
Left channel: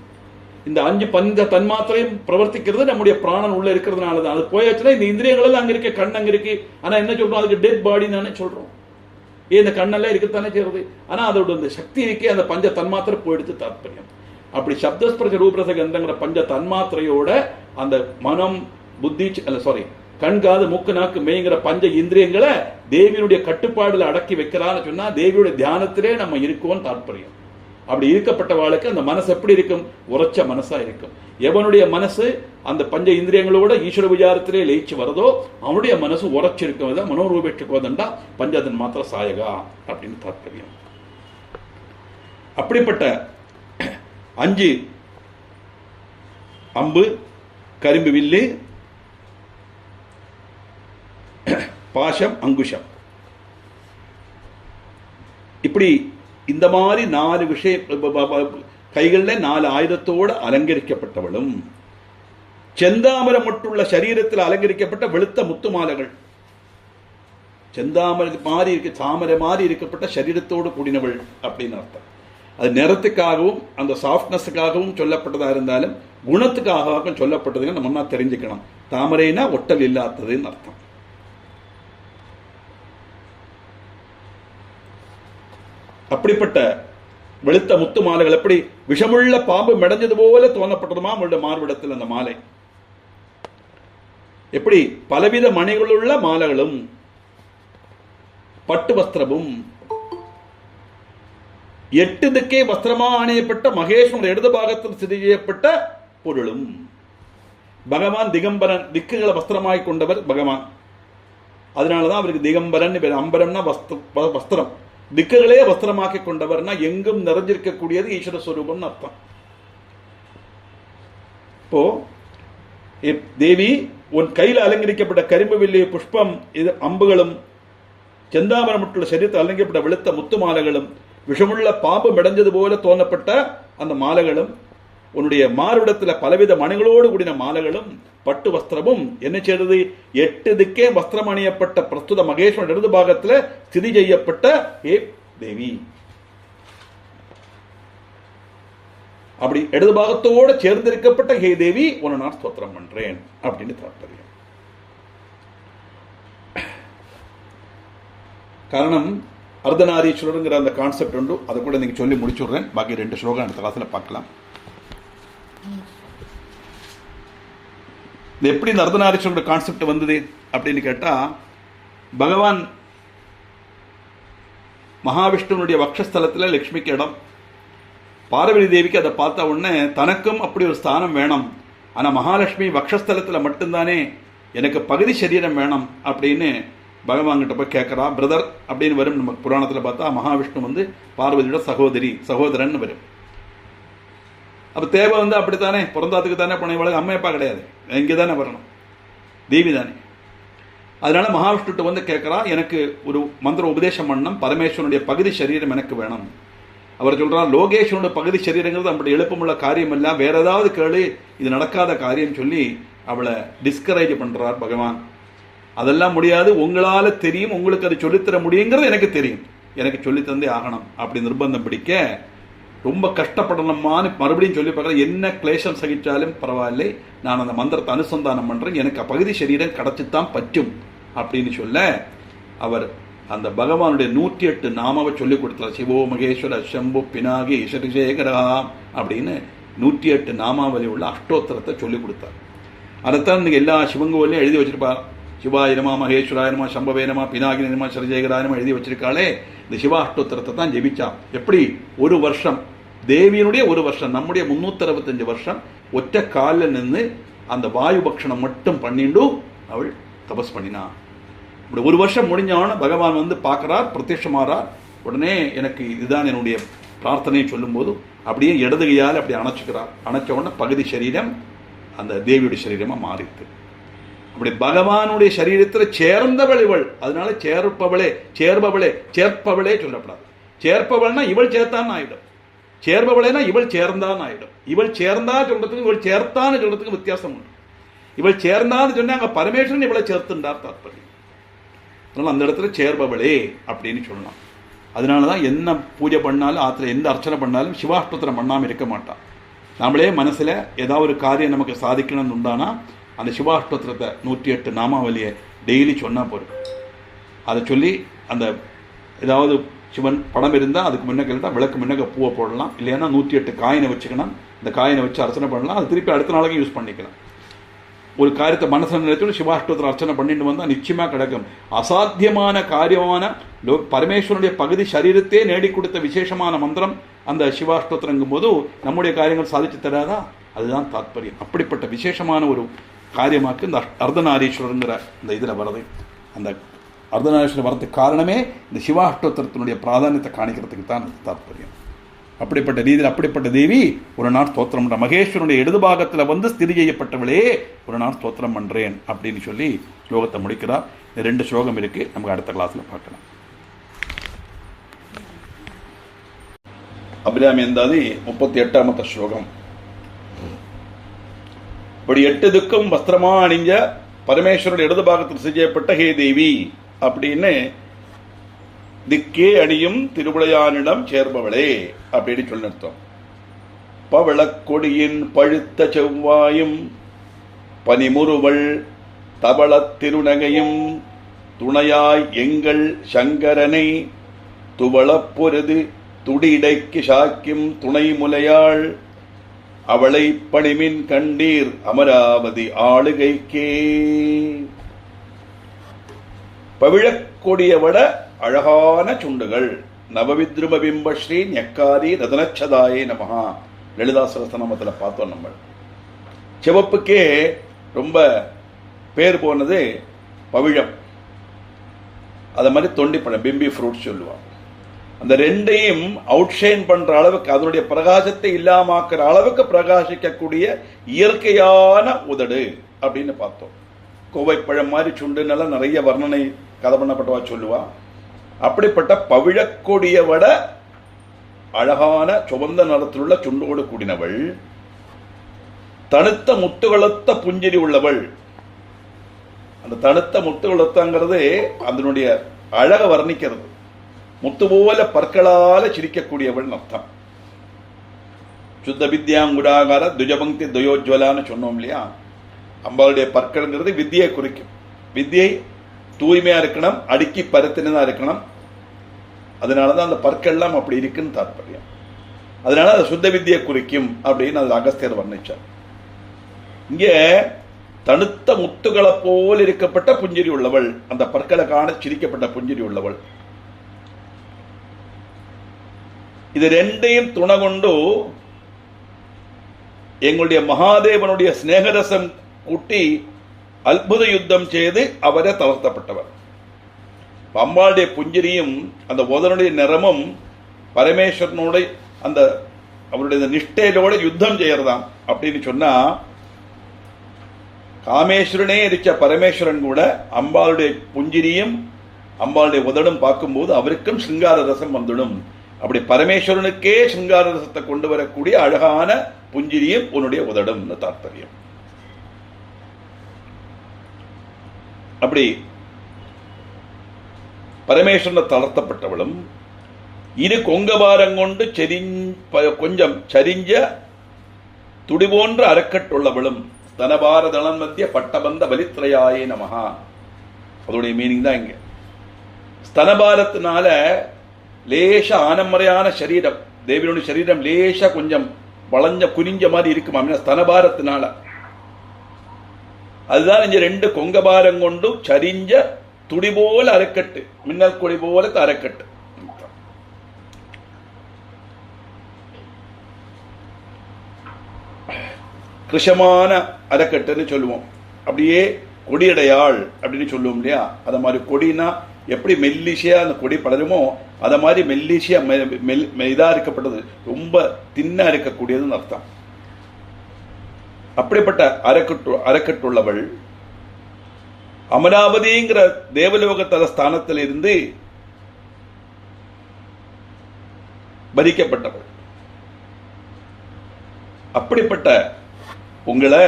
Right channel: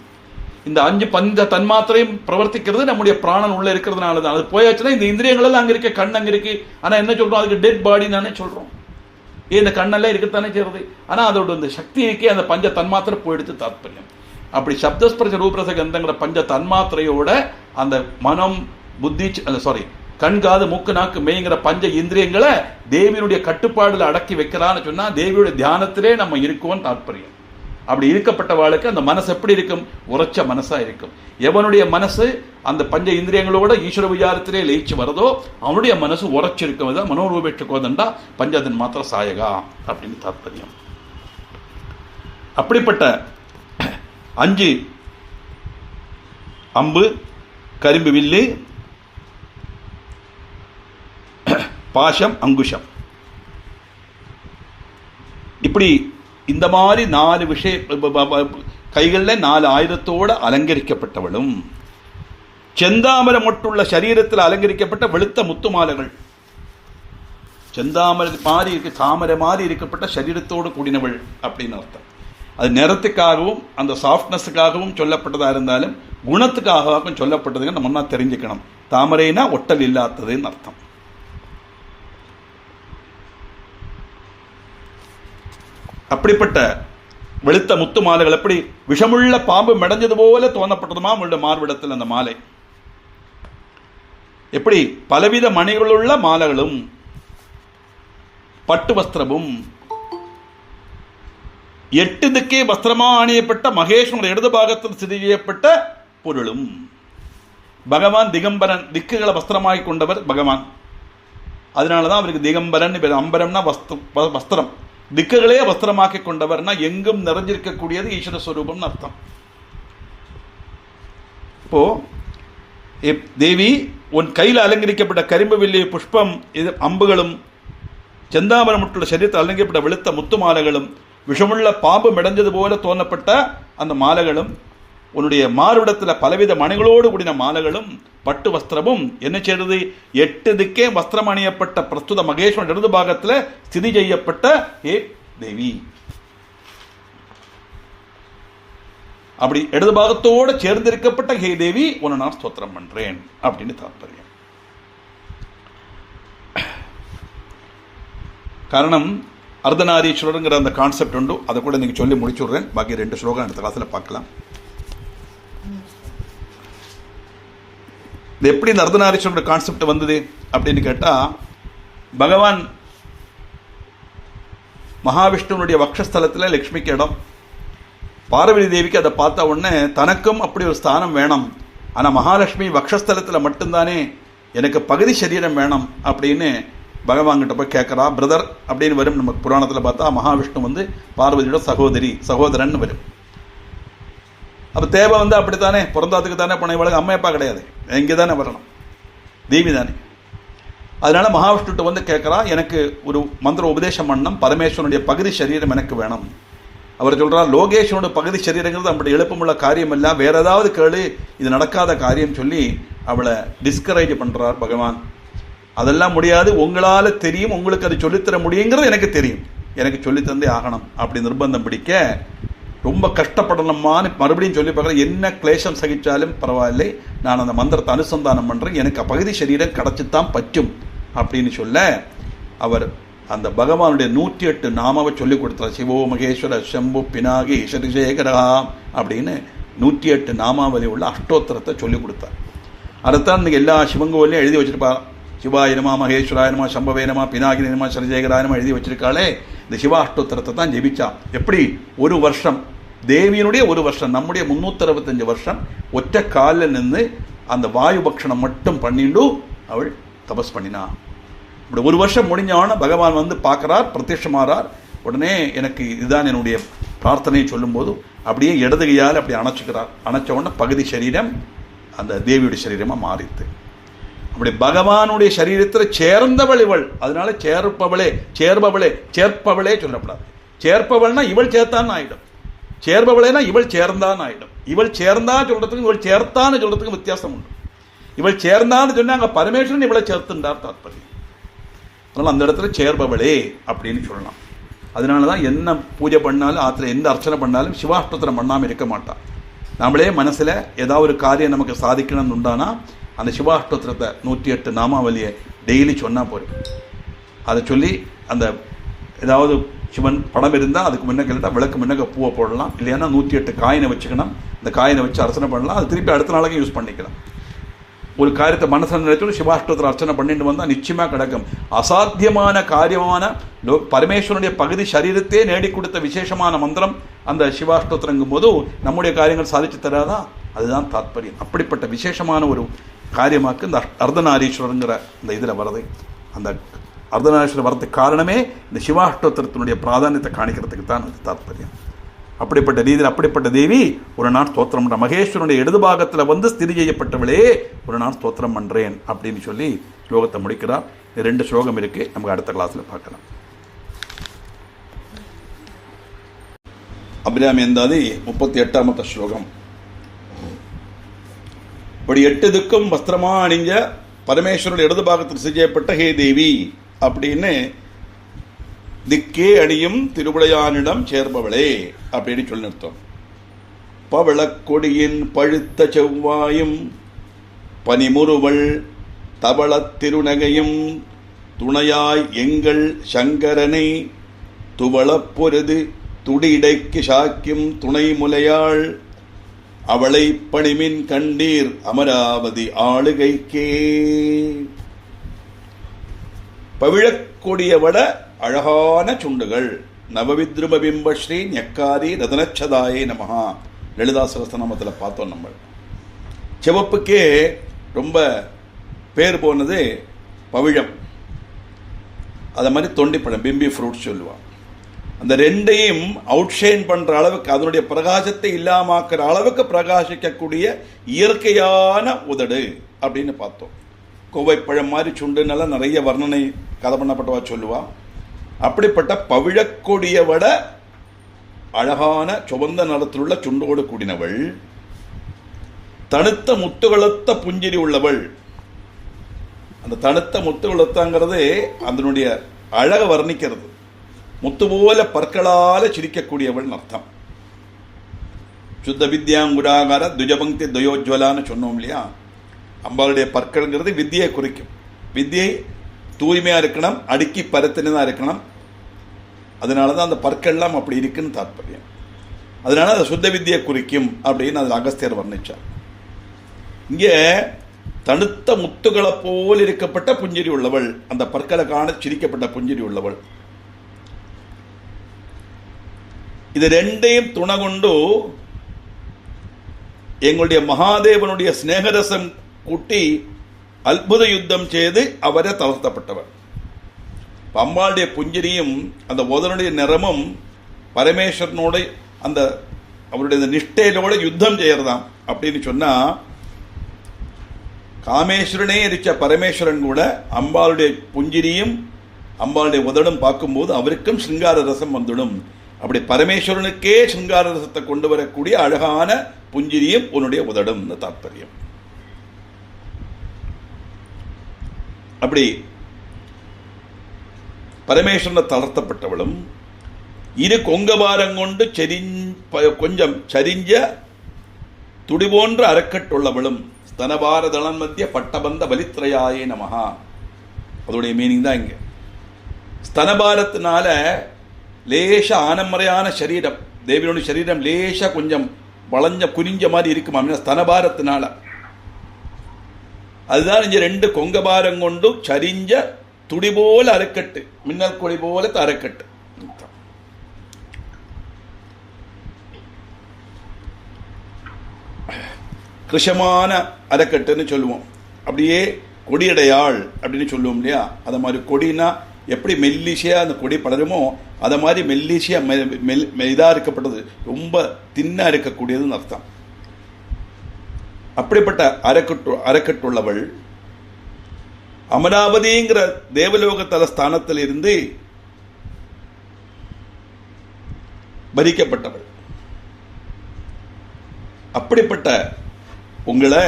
இந்த 5 பஞ்ச தன்மாத்திரையும் பிரவர்த்திக்கிறது நம்முடைய பிராணன் உள்ள இருக்கிறதுனால தான். அது போயாச்சுன்னா இந்த இந்திரியங்கள் எல்லாம் அங்க இருக்க, கண் அங்க இருக்கு, ஆனா என்ன சொல்றோம்? அதுக்கு டெட் பாடி தானே சொல்றோம். இந்த கண்ணெல்லாம் இருக்கத்தானே செய்யறது, ஆனா அதோட அந்த சக்திக்கு அந்த பஞ்ச தன்மாத்திரை போயிடுத்து தாற்பயம். அப்படி சப்தஸ்பர்ஷ ரூபரச கந்தங்கிற பஞ்ச தன்மாத்திரையோட அந்த மனம், புத்தி, கண், காது, மூக்கு, நாக்கு, மெய்ங்கிற பஞ்ச இந்திரியங்களை தேவியுடைய கட்டுப்பாடுல அடக்கி வைக்கிறான்னு சொன்னா தேவியுடைய தியானத்திலே நம்ம இருக்கோம் தாற்பயம். அப்படி இருக்கப்பட்டவாளுக்கு அந்த மனசு எப்படி இருக்கும்? உரைச்ச மனசா இருக்கும். எவனுடைய மனசு அந்த பஞ்ச இந்திரியங்களோட ஈஸ்வர விசாரத்திலே லயிச்சு வருதோ அவனுடைய மனசு உரைச்சிருக்கும். மனோரூபேற்று கோதண்டா பஞ்சதன் மாத்திர சாயகா அப்படின்னு தாற்பயம். அப்படிப்பட்ட 5 அம்பு, கரும்பு வில்லு, பாசம், அங்குஷம், இப்படி இந்த மாதிரி 4 கைகளில் 4 ஆயுதத்தோடு அலங்கரிக்கப்பட்டவளும், செந்தாமரை மொட்டுள்ள சரீரத்தில் அலங்கரிக்கப்பட்ட வெளுத்த முத்துமாலைகள், தாமரை மாதிரி இருக்கப்பட்ட சரீரத்தோடு கூடினவள் அப்படின்னு அர்த்தம். அது நிறத்துக்காகவும் அந்த சாஃப்ட்னஸுக்காகவும் சொல்லப்பட்டதா இருந்தாலும் குணத்துக்காகவும் சொல்லப்பட்டதுன்னு நம்ம ஒன்றா தெரிஞ்சுக்கணும். தாமரைனா ஒட்டல் இல்லாததுன்னு அர்த்தம். அப்படிப்பட்ட வெளுத்த முத்து மாலைகள் எப்படி விஷமுள்ள பாம்பு மெடைஞ்சது போல தோணப்பட்டதுமா அவங்களுடைய மார்பிடத்தில் அந்த மாலை. எப்படி பலவித மணிகளுள்ள மாலைகளும் பட்டு வஸ்திரமும் 8 திக்கே வஸ்திரமா அணியப்பட்ட மகேஸ்வரன் இடது பாகத்தில் செய்யப்பட்ட பொருளும். பகவான் திகம்பரன், திக்குகளை வஸ்திரமாய் கொண்டவர் பகவான். அதனாலதான் அவருக்கு திகம்பரன். அம்பரம்னா வஸ்திரம், திக்குகளே வஸ்திரமாக்கி கொண்டவர்னா எங்கும் நிறைஞ்சிருக்கக்கூடியது ஈஸ்வர ஸ்வரூபம்னு அர்த்தம். இப்போ தேவி உன் கையில் அலங்கரிக்கப்பட்ட கரிம்பு வில்லி புஷ்பம் இது அம்புகளும் செந்தாமரமுட்டுள்ள சரீரத்தில் அலங்கரிக்கப்பட்ட வெளுத்த முத்து மாலைகளும் விஷமுள்ள பாம்பு மெடைஞ்சது போல தோணப்பட்ட அந்த மாலைகளும் உன்னுடைய மாறுவிடத்தில் பலவித மணிகளோடு கூடின மாலைகளும் பட்டு வஸ்திரமும் என்ன செய்யறது 8 திக்கே வஸ்திரம் அணியப்பட்ட பிரஸ்துத மகேஸ்வரன் இடது பாகத்தில் ஸ்திதி செய்யப்பட்ட ஏ தேவி. அப்படி இடது பாகத்தோடு சேர்ந்திருக்கப்பட்ட ஹே தேவி உன்னை நான் ஸ்தோத்திரம் பண்றேன் அப்படின்னு தாற்பயம். காரணம் அர்த்தநாரீஸ்வரருங்கிற அந்த கான்செப்ட் உண்டு. அதை கூட நீங்க சொல்லி முடிச்சுடுறேன். பாக்கி 2 ஸ்லோகம் அடுத்த கிளாஸ்ல பார்க்கலாம். இது எப்படி இந்த அர்த்தநாரீஸ்வரர் கான்செப்ட் வந்தது அப்படின்னு கேட்டா, பகவான் மகாவிஷ்ணுனுடைய வக்ஷஸ்தலத்தில் லட்சுமிக்கு இடம். பார்வதி தேவிக்கு அதை பார்த்த உடனே தனக்கும் அப்படி ஒரு ஸ்தானம் வேணும், ஆனால் மகாலட்சுமி வக்ஷஸ்தலத்தில் மட்டும்தானே எனக்கு பகுதி சரீரம் வேணும் அப்படின்னு பகவான்கிட்ட போய் கேட்குறா. பிரதர் அப்படின்னு வரும். நம்ம புராணத்தில் பார்த்தா மகாவிஷ்ணு வந்து பார்வதியோட சகோதரன் வரும். அப்போ தேவை வந்து அப்படித்தானே பிறந்தாத்துக்கு தானே போன இவளுக்கு அம்மா அப்பா கிடையாது, எங்கே தானே வரணும், தேவி தானே. அதனால மகாவிஷ்ணுட்ட வந்து கேட்குறா, எனக்கு ஒரு மந்திர உபதேசம் பண்ணணும், பரமேஸ்வரனுடைய பகுதி சரீரம் எனக்கு வேணும். அவர் சொல்கிறார், லோகேஸ்வரனுடைய பகுதி சரீரங்கிறது அப்படி எழுப்பமுள்ள காரியம் இல்லை, வேற ஏதாவது கேளு, இது நடக்காத காரியம் சொல்லி அவளை டிஸ்கரேஜ் பண்ணுறார் பகவான். அதெல்லாம் முடியாது, உங்களால் தெரியும், உங்களுக்கு அது சொல்லித்தர முடியுங்கிறது எனக்கு தெரியும், எனக்கு சொல்லித்தந்தே ஆகணும் அப்படி நிர்பந்தம் பிடிக்க ரொம்ப கஷ்டப்படணுமான்னு மறுபடியும் சொல்லி பார்க்குறேன். என்ன கிளேஷம் சகிச்சாலும் பரவாயில்லை, நான் அந்த மந்திரத்தை அனுசந்தானம் பண்ணுறேன், எனக்கு பகுதி சரீரம் கிடச்சித்தான் பற்றும் அப்படின்னு சொல்ல அவர் அந்த பகவானுடைய 108 நாமாவை சொல்லி கொடுத்தார். சிவோ மகேஸ்வர சம்பு பினாகி ஈஸ்வரிசேகரா அப்படின்னு 108 நாமாவளி உள்ள அஷ்டோத்திரத்தை சொல்லி கொடுத்தார். அதைத்தான் இன்றைக்கி எல்லா சிவங்கோலையும் எழுதி வச்சிருப்பார். சிவாயிரமா மகேஸ்வராயிரமா சம்பவேனமா பினாகினமா சரஜேகராயனமா எழுதி வச்சிருக்காளே, இந்த சிவாஷ்டோத்திரத்தை தான் ஜெபிச்சா. எப்படி ஒரு வருஷம் தேவியினுடைய ஒரு வருஷம், நம்முடைய 365 வருஷம் ஒற்றை காலில் நின்று அந்த வாயு பக்ஷணம் மட்டும் பண்ணிட்டு அவள் தபஸ் பண்ணினா. இப்படி ஒரு வருஷம் முடிஞ்சவன பகவான் வந்து பார்க்குறார், பிரத்யட்சமாறார். உடனே எனக்கு இதுதான் என்னுடைய பிரார்த்தனையை சொல்லும்போது அப்படியே இடதுகையால் அப்படி அணைச்சிக்கிறார். அணைச்ச உடனே பகுதி சரீரம் அந்த தேவியுடைய சரீரமாக மாறித்து. அப்படி பகவானுடைய சரீரத்தில் சேர்ந்தவள் இவள். அதனால சேர்ப்பவளே சொல்லப்படாது. சேர்ப்பவள்னா இவள் சேர்த்தான்னு ஆயிடும், சேர்பவளேனா இவள் சேர்ந்தான் ஆயிடும். இவள் சேர்ந்தா சொல்றதுக்கு இவள் சேர்த்தான்னு சொல்றதுக்கு வித்தியாசம் உண்டு. இவள் சேர்ந்தான்னு சொன்னா அங்க பரமேஸ்வரன் இவளை சேர்த்துண்டார் தாற்பயம். அதனால அந்த இடத்துல சேர்பவளே அப்படின்னு சொல்லலாம். அதனாலதான் என்ன பூஜை பண்ணாலும் ஆத்துல எந்த அர்ச்சனை பண்ணாலும் சிவாஷ்டோத்திரம் பண்ணாமல் இருக்க மாட்டான். நம்மளே மனசுல ஏதாவது ஒரு காரியம் நமக்கு சாதிக்கணும்னு உண்டானா அந்த சிவாஷ்டோத்திரத்தை 108 நாமாவளியை டெய்லி சொன்னால் போதும். அதை சொல்லி அந்த ஏதாவது சிவன் படம் இருந்தால் அதுக்கு முன்ன கேட்டால் விளக்கு முன்னக்க பூவை போடலாம், இல்லைன்னா 108 காயினை வச்சுக்கணும். இந்த காயினை வச்சு அர்ச்சனை பண்ணலாம், அது திருப்பி அடுத்த நாளைக்கு யூஸ் பண்ணிக்கலாம். ஒரு காரியத்தை மனசில் நினைச்சு சிவாஷ்டோத்திரம் அர்ச்சனை பண்ணிட்டு வந்தால் நிச்சயமாக கிடைக்கும். அசாத்தியமான காரியமான பரமேஸ்வரனுடைய பகுதி சரீரத்தே நேடி கொடுத்த விசேஷமான மந்திரம் அந்த சிவாஷ்டோத்திரங்கும் போது நம்முடைய காரியங்கள் சாதிச்சு தராதா? அதுதான் தாற்பயம். அப்படிப்பட்ட விசேஷமான ஒரு காரியமாக்கு இந்த அர்த்தநாரீஸ்வரங்கிற இந்த இதில் வருது. அந்த அர்த்தநாரீஸ்வரர் வரதுக்கு காரணமே இந்த சிவாஷ்டோத்திரத்தினுடைய பிராதானியத்தை காணிக்கிறதுக்கு தான் அது தாற்பயம். அப்படிப்பட்ட ரீதியில் அப்படிப்பட்ட தேவி ஒரு நாள் ஸ்தோத்திரம் பண்ணுற, மகேஸ்வரனுடைய இடது பாகத்தில் வந்து ஸ்திதி செய்யப்பட்டவளே ஒரு நாள் ஸ்தோத்திரம் பண்ணுறேன் அப்படின்னு சொல்லி ஸ்லோகத்தை முடிக்கிறார். 2 ஸ்லோகம் இருக்குது, நமக்கு அடுத்த கிளாஸில் பார்க்கலாம். அபிராமி எந்தாதி 38வது ஸ்லோகம். இப்படி 8 திக்கும் வஸ்திரமா அணிஞ்ச பரமேஸ்வரன் இடது பாகத்தில் செய்யப்பட்ட ஹே தேவி அப்படின்னு திக்கே அணியும் திருவிளையானிடம் சேர்பவளே அப்படின்னு சொல்லி நிறுத்தம். பவளக்கொடியின் பழுத்த செவ்வாயும் பனிமுறுவள் தவளத் திருநகையும் துணையாய் எங்கள் சங்கரனை துவளப் பொருது துடிடைக்கு சாக்கியும் துணை முலையாள் அவளை பணிமின் கண்டீர் அமராவதி ஆளுகைக்கே. பவிழக்கொடியவட அழகான சுண்டுகள். நவவித்ரும பிம்பஸ்ரீ ஞக்காரி ரதனச்சதாயே நமஹா. லலிதா சகஸ்ரநாமத்தில் பார்த்தோம். நம்ம சிவப்புக்கே ரொம்ப பேர் போனது பவிழம். அதை மாதிரி தொண்டிப்பழம், பிம்பி ஃப்ரூட் சொல்லுவான். அந்த ரெண்டையும் அவுட்ஷைன் பண்ற அளவுக்கு, அதனுடைய பிரகாசத்தை இல்லாமக்கிற அளவுக்கு பிரகாசிக்கக்கூடிய இயற்கையான உதடு அப்படின்னு பார்த்தோம். கோவைப்பழம் மாதிரி சுண்டுனால நிறைய வர்ணனை கதை பண்ணப்பட்டவா சொல்லுவா. அப்படிப்பட்ட பவிழக்கொடிய விட அழகான சுவந்த நிறத்திலுள்ள சுண்டோடு கூடினவள், தனுத்த முத்துகளத்த புஞ்சிரி உள்ளவள். அந்த தனுத்த முத்துகளத்தங்கிறது அதனுடைய அழக வர்ணிக்கிறது. முத்து போல பற்களால சிரிக்கக்கூடியவள் அர்த்தம். சுத்த வித்யாங்குராகார துஜபங்கி துயோஜ்வலான்னு சொன்னோம் இல்லையா. அம்பாளுடைய பற்கள்ங்கிறது வித்தியை குறிக்கும். வித்தியை தூய்மையா இருக்கணும், அடுக்கி பருத்தினதான் இருக்கணும். அதனாலதான் அந்த பற்கள்லாம் அப்படி இருக்குன்னு தாற்பயம். அதனால அதை சுத்த வித்தியை குறிக்கும் அப்படின்னு அதில் அகஸ்தியர் வர்ணிச்சார். இங்கே தனுத்த முத்துகளை போல் இருக்கப்பட்ட புஞ்சிரி உள்ளவள், அந்த பற்களை காண சிரிக்கப்பட்ட புஞ்சிரி உள்ளவள். இது ரெண்டையும் துணை கொண்டு எங்களுடைய மகாதேவனுடைய ஸ்நேகரசம் கூட்டி அற்புத யுத்தம் செய்து அவரை தளர்த்தப்பட்டவர். அம்பாளுடைய புஞ்சிரியும் அந்த உதனுடைய நிறமும் பரமேஸ்வரனோட அந்த அவருடைய நிஷ்டையிலோட யுத்தம் செய்யறதாம். அப்படின்னு சொன்னா காமேஸ்வரனே இருக்க பரமேஸ்வரன் கூட அம்பாளுடைய புஞ்சிரியும் அம்பாளுடைய உதடும் பார்க்கும்போது அவருக்கும் சிங்கார ரசம் வந்துடும். அப்படி பரமேஸ்வரனுக்கே சிங்கார ரசத்தை கொண்டு வரக்கூடிய அழகான புஞ்சிரியும் உன்னுடைய உதடும் தாற்பயம். அப்படி பரமேஸ்வரனை தளர்த்தப்பட்டவளும் இரு கொங்கபாரம் கொண்டு கொஞ்சம் சரிஞ்ச துடி போன்ற அறக்கட்டுள்ளவளும் ஸ்தனபார தளன் மத்திய பட்டபந்த பலித்ரயாயே நமஹா. அதோடைய மீனிங் தான் இங்க. ஸ்தனபாரத்தினால லேச ஆனமறையான சரீரம், தேவியோட சரீரம் லேச கொஞ்சம் வளைஞ்ச குறிஞ்ச மாதிரி இருக்குமா ஸ்தனபாரத்தினால. அதுதான் இங்க ரெண்டு கொங்கபாரம் கொண்டு சரிஞ்ச துடி போல அரைக்கட்டு, மின்னல் கொடி போல அரைக்கட்டு. கிருஷமான அரைக்கட்டுன்னு சொல்லுவோம். அப்படியே கொடியடையாள் அப்படின்னு சொல்லுவோம் இல்லையா. அதை மாதிரி கொடினா எப்படி மெல்லிசையா அந்த கொடி படருமோ அதை மாதிரி மெல்லிசையா இதா இருக்கப்பட்டது, ரொம்ப தின்னா இருக்கக்கூடியதுன்னு அர்த்தம். அப்படிப்பட்ட அரைக்கட்டுள்ளவள் அமராவதிங்கிற தேவலோக தல ஸ்தானத்தில் இருந்து பறிக்கப்பட்டவள். அப்படிப்பட்ட உங்களை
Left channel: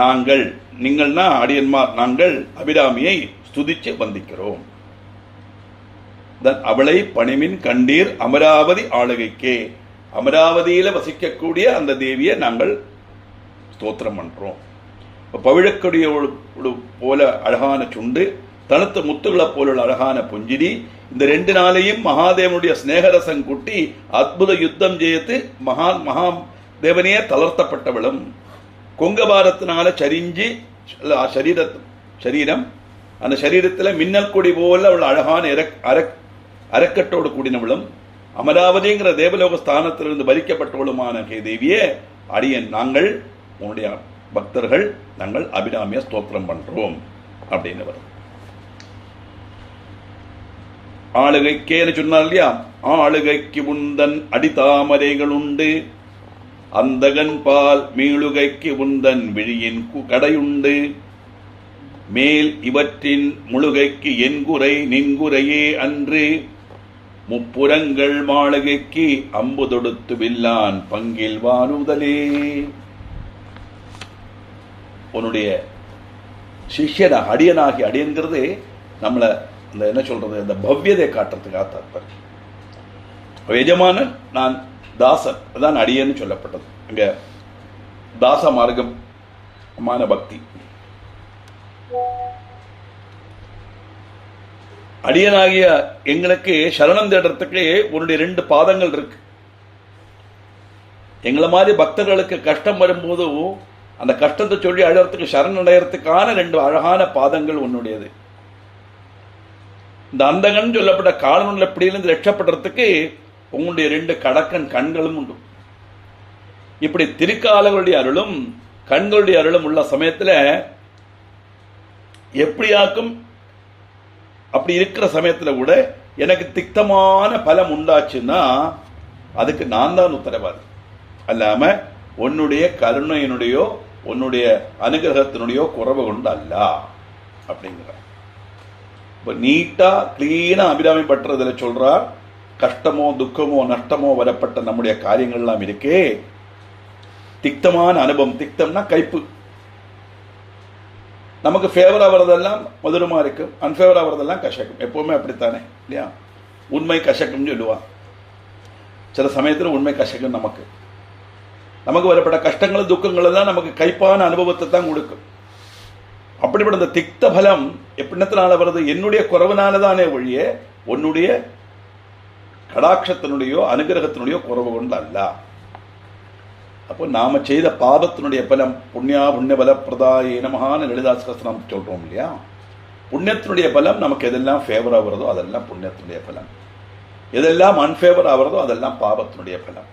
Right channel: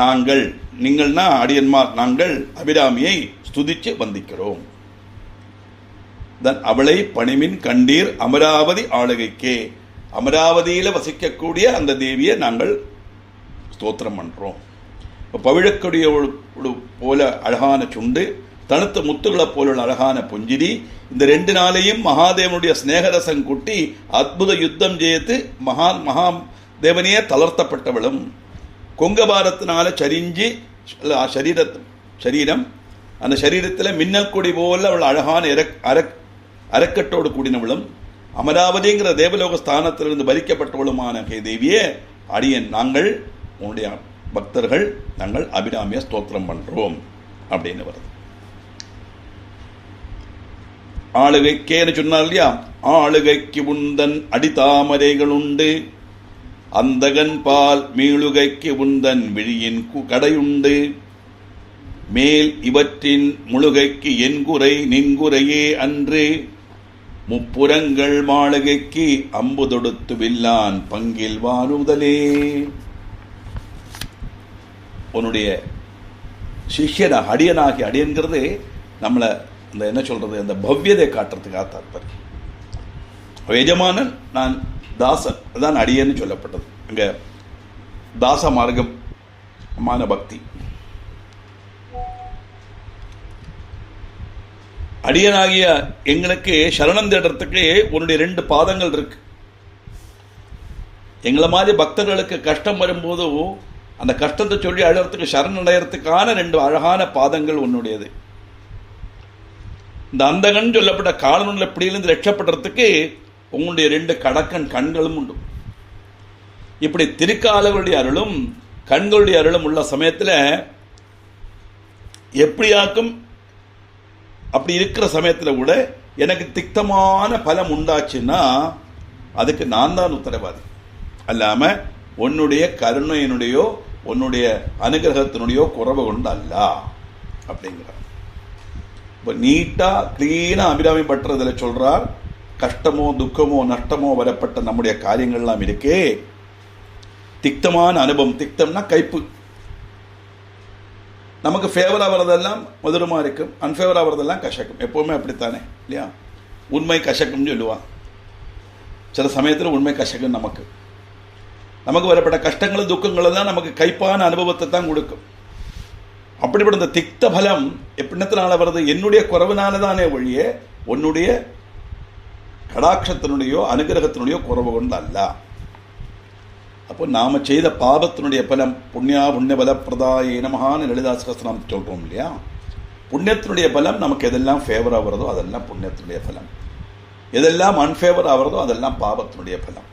நாங்கள், நீங்கள்னா அடியன்மார், நாங்கள் அபிராமியை ஸ்துதிச்சு வந்திக்கிறோம். அவளை பணிமின் கண்டீர் அமராவதி ஆளுகைக்கே. அமராவதியில வசிக்கக்கூடிய அந்த தேவியை நாங்கள் ஸ்தோத்திரம் பண்றோம். பவிழக்கொடிய போல அழகான சுண்டு, தனுத்த முத்துகளை போல அழகான புஞ்சிரி, இந்த ரெண்டு நாளையும் மகாதேவனுடைய ஸ்நேகரசம் கூட்டி அற்புத யுத்தம் ஜெயித்து மகாதேவனையே தளர்த்தப்பட்டவளும், கொங்கபாரத்தினால சரிஞ்சு சரீரம் அந்த சரீரத்தில் மின்னல் கொடி போல அவள் அழகான அரக்கட்டோடு கூடினவளும், அமராவதிங்கிற தேவலோக ஸ்தானத்திலிருந்து பறிக்கப்பட்டவளுமான தேவியே அடியன் நாங்கள் உன்னுடைய பக்தர்கள், நாங்கள் அபிராமிய ஸ்தோத்திரம் பண்றோம் அப்படின்னு வருது. ஆளுகைக்கேன்னு சொன்னார் இல்லையா. ஆளுகைக்கு உந்தன் அடித்தாமரைகள் உண்டு, அந்தகன் பால் மீளுகைக்கு உந்தன் விழியின் கடையுண்டு, மேல் இவற்றின் முழுகைக்கு என்குறை நின்குறையே அன்று, முப்புறங்கள் மாளுகைக்கு அம்பு தொடுத்து வில்லான் பங்கில் வானுதலே. உன்னுடைய சிஷ்யன அடியனாகி, அடியன்கிறது நம்மளை இந்த என்ன சொல்றது, இந்த பவ்யதை காட்டுறதுக்காக தாற்பயம். எஜமானன், நான் தாசன், அதான் அடியேன்னு சொல்லப்பட்டது. இங்க தாச மார்க்கமான பக்தி. அடியனாகிய எங்களுக்கு சரணம் தேடுறதுக்கு உன்னுடைய 2 பாதங்கள் இருக்கு. எங்களை மாதிரி பக்தர்களுக்கு கஷ்டம் வரும்போது அந்த கஷ்டத்தை சொல்லி அழறதுக்கு சரணடைகிறதுக்கான 2 அழகான பாதங்கள் உன்னுடையது. இந்த அந்தகன் சொல்லப்பட்ட காலனுள்ள பிடியிலிருந்து ரட்சப்படுறதுக்கு உங்களுடைய 2 கடக்கன் கண்களும் உண்டு. இப்படி திருக்காலவருடைய அருளும் கண்களுடைய அருளும் உள்ள சமயத்தில் எப்படியாக்கும் அப்படி இருக்கிற சமயத்தில் கூட எனக்கு திக்தமான பலம் உண்டாச்சுன்னா அதுக்கு நான் தான் உத்தரவாதி. அல்லாம உன்னுடைய கருணையினுடையோ உன்னுடைய அனுகிரகத்தினுடையோ குறைவு கொண்டு அல்ல அப்படிங்கிற. இப்போ நீட்டா கிளீனா அபிராமி பற்றதில் சொல்றார், கஷ்டமோ துக்கமோ நஷ்டமோ வரப்பட்ட நம்முடைய காரியங்கள்லாம் இருக்கே, திக்தமான அனுபவம். திக்தம்னா கைப்பு. நமக்கு ஃபேவரா வரதெல்லாம் மதுரமா இருக்கும், அன்ஃபேவரா வரதெல்லாம் கசக்கும். எப்பவுமே அப்படித்தானே இல்லையா? உண்மை கசக்கும்னு சொல்லுவா. சில சமயத்தில் உண்மை கசக்கும். நமக்கு வரப்பட்ட கஷ்டங்கள் துக்கங்கள் தான் நமக்கு கைப்பான அனுபவத்தை தான் கொடுக்கும். அப்படிப்பட்ட இந்த திக்த பலம் எப்படினால வருது? என்னுடைய குறைவினாலதானே ஒழிய உன்னுடைய கடாட்சத்தினுடையோ அனுகிரகத்தினுடையோ குறைவு கொண்டு அல்ல. அப்போ நாம செய்த பாபத்தினுடைய பலம் புண்ணியா புண்ணிய பல பிரதாய நமகான லலிதாசகஸ்திரம் சொல்றோம் இல்லையா? புண்ணியத்தினுடைய பலம் நமக்கு எதெல்லாம் ஃபேவரா வருதோ அதெல்லாம் புண்ணியத்தினுடைய பலம், எதெல்லாம் அன்ஃபேவரா வருதோ அதெல்லாம் பாபத்தினுடைய பலம்.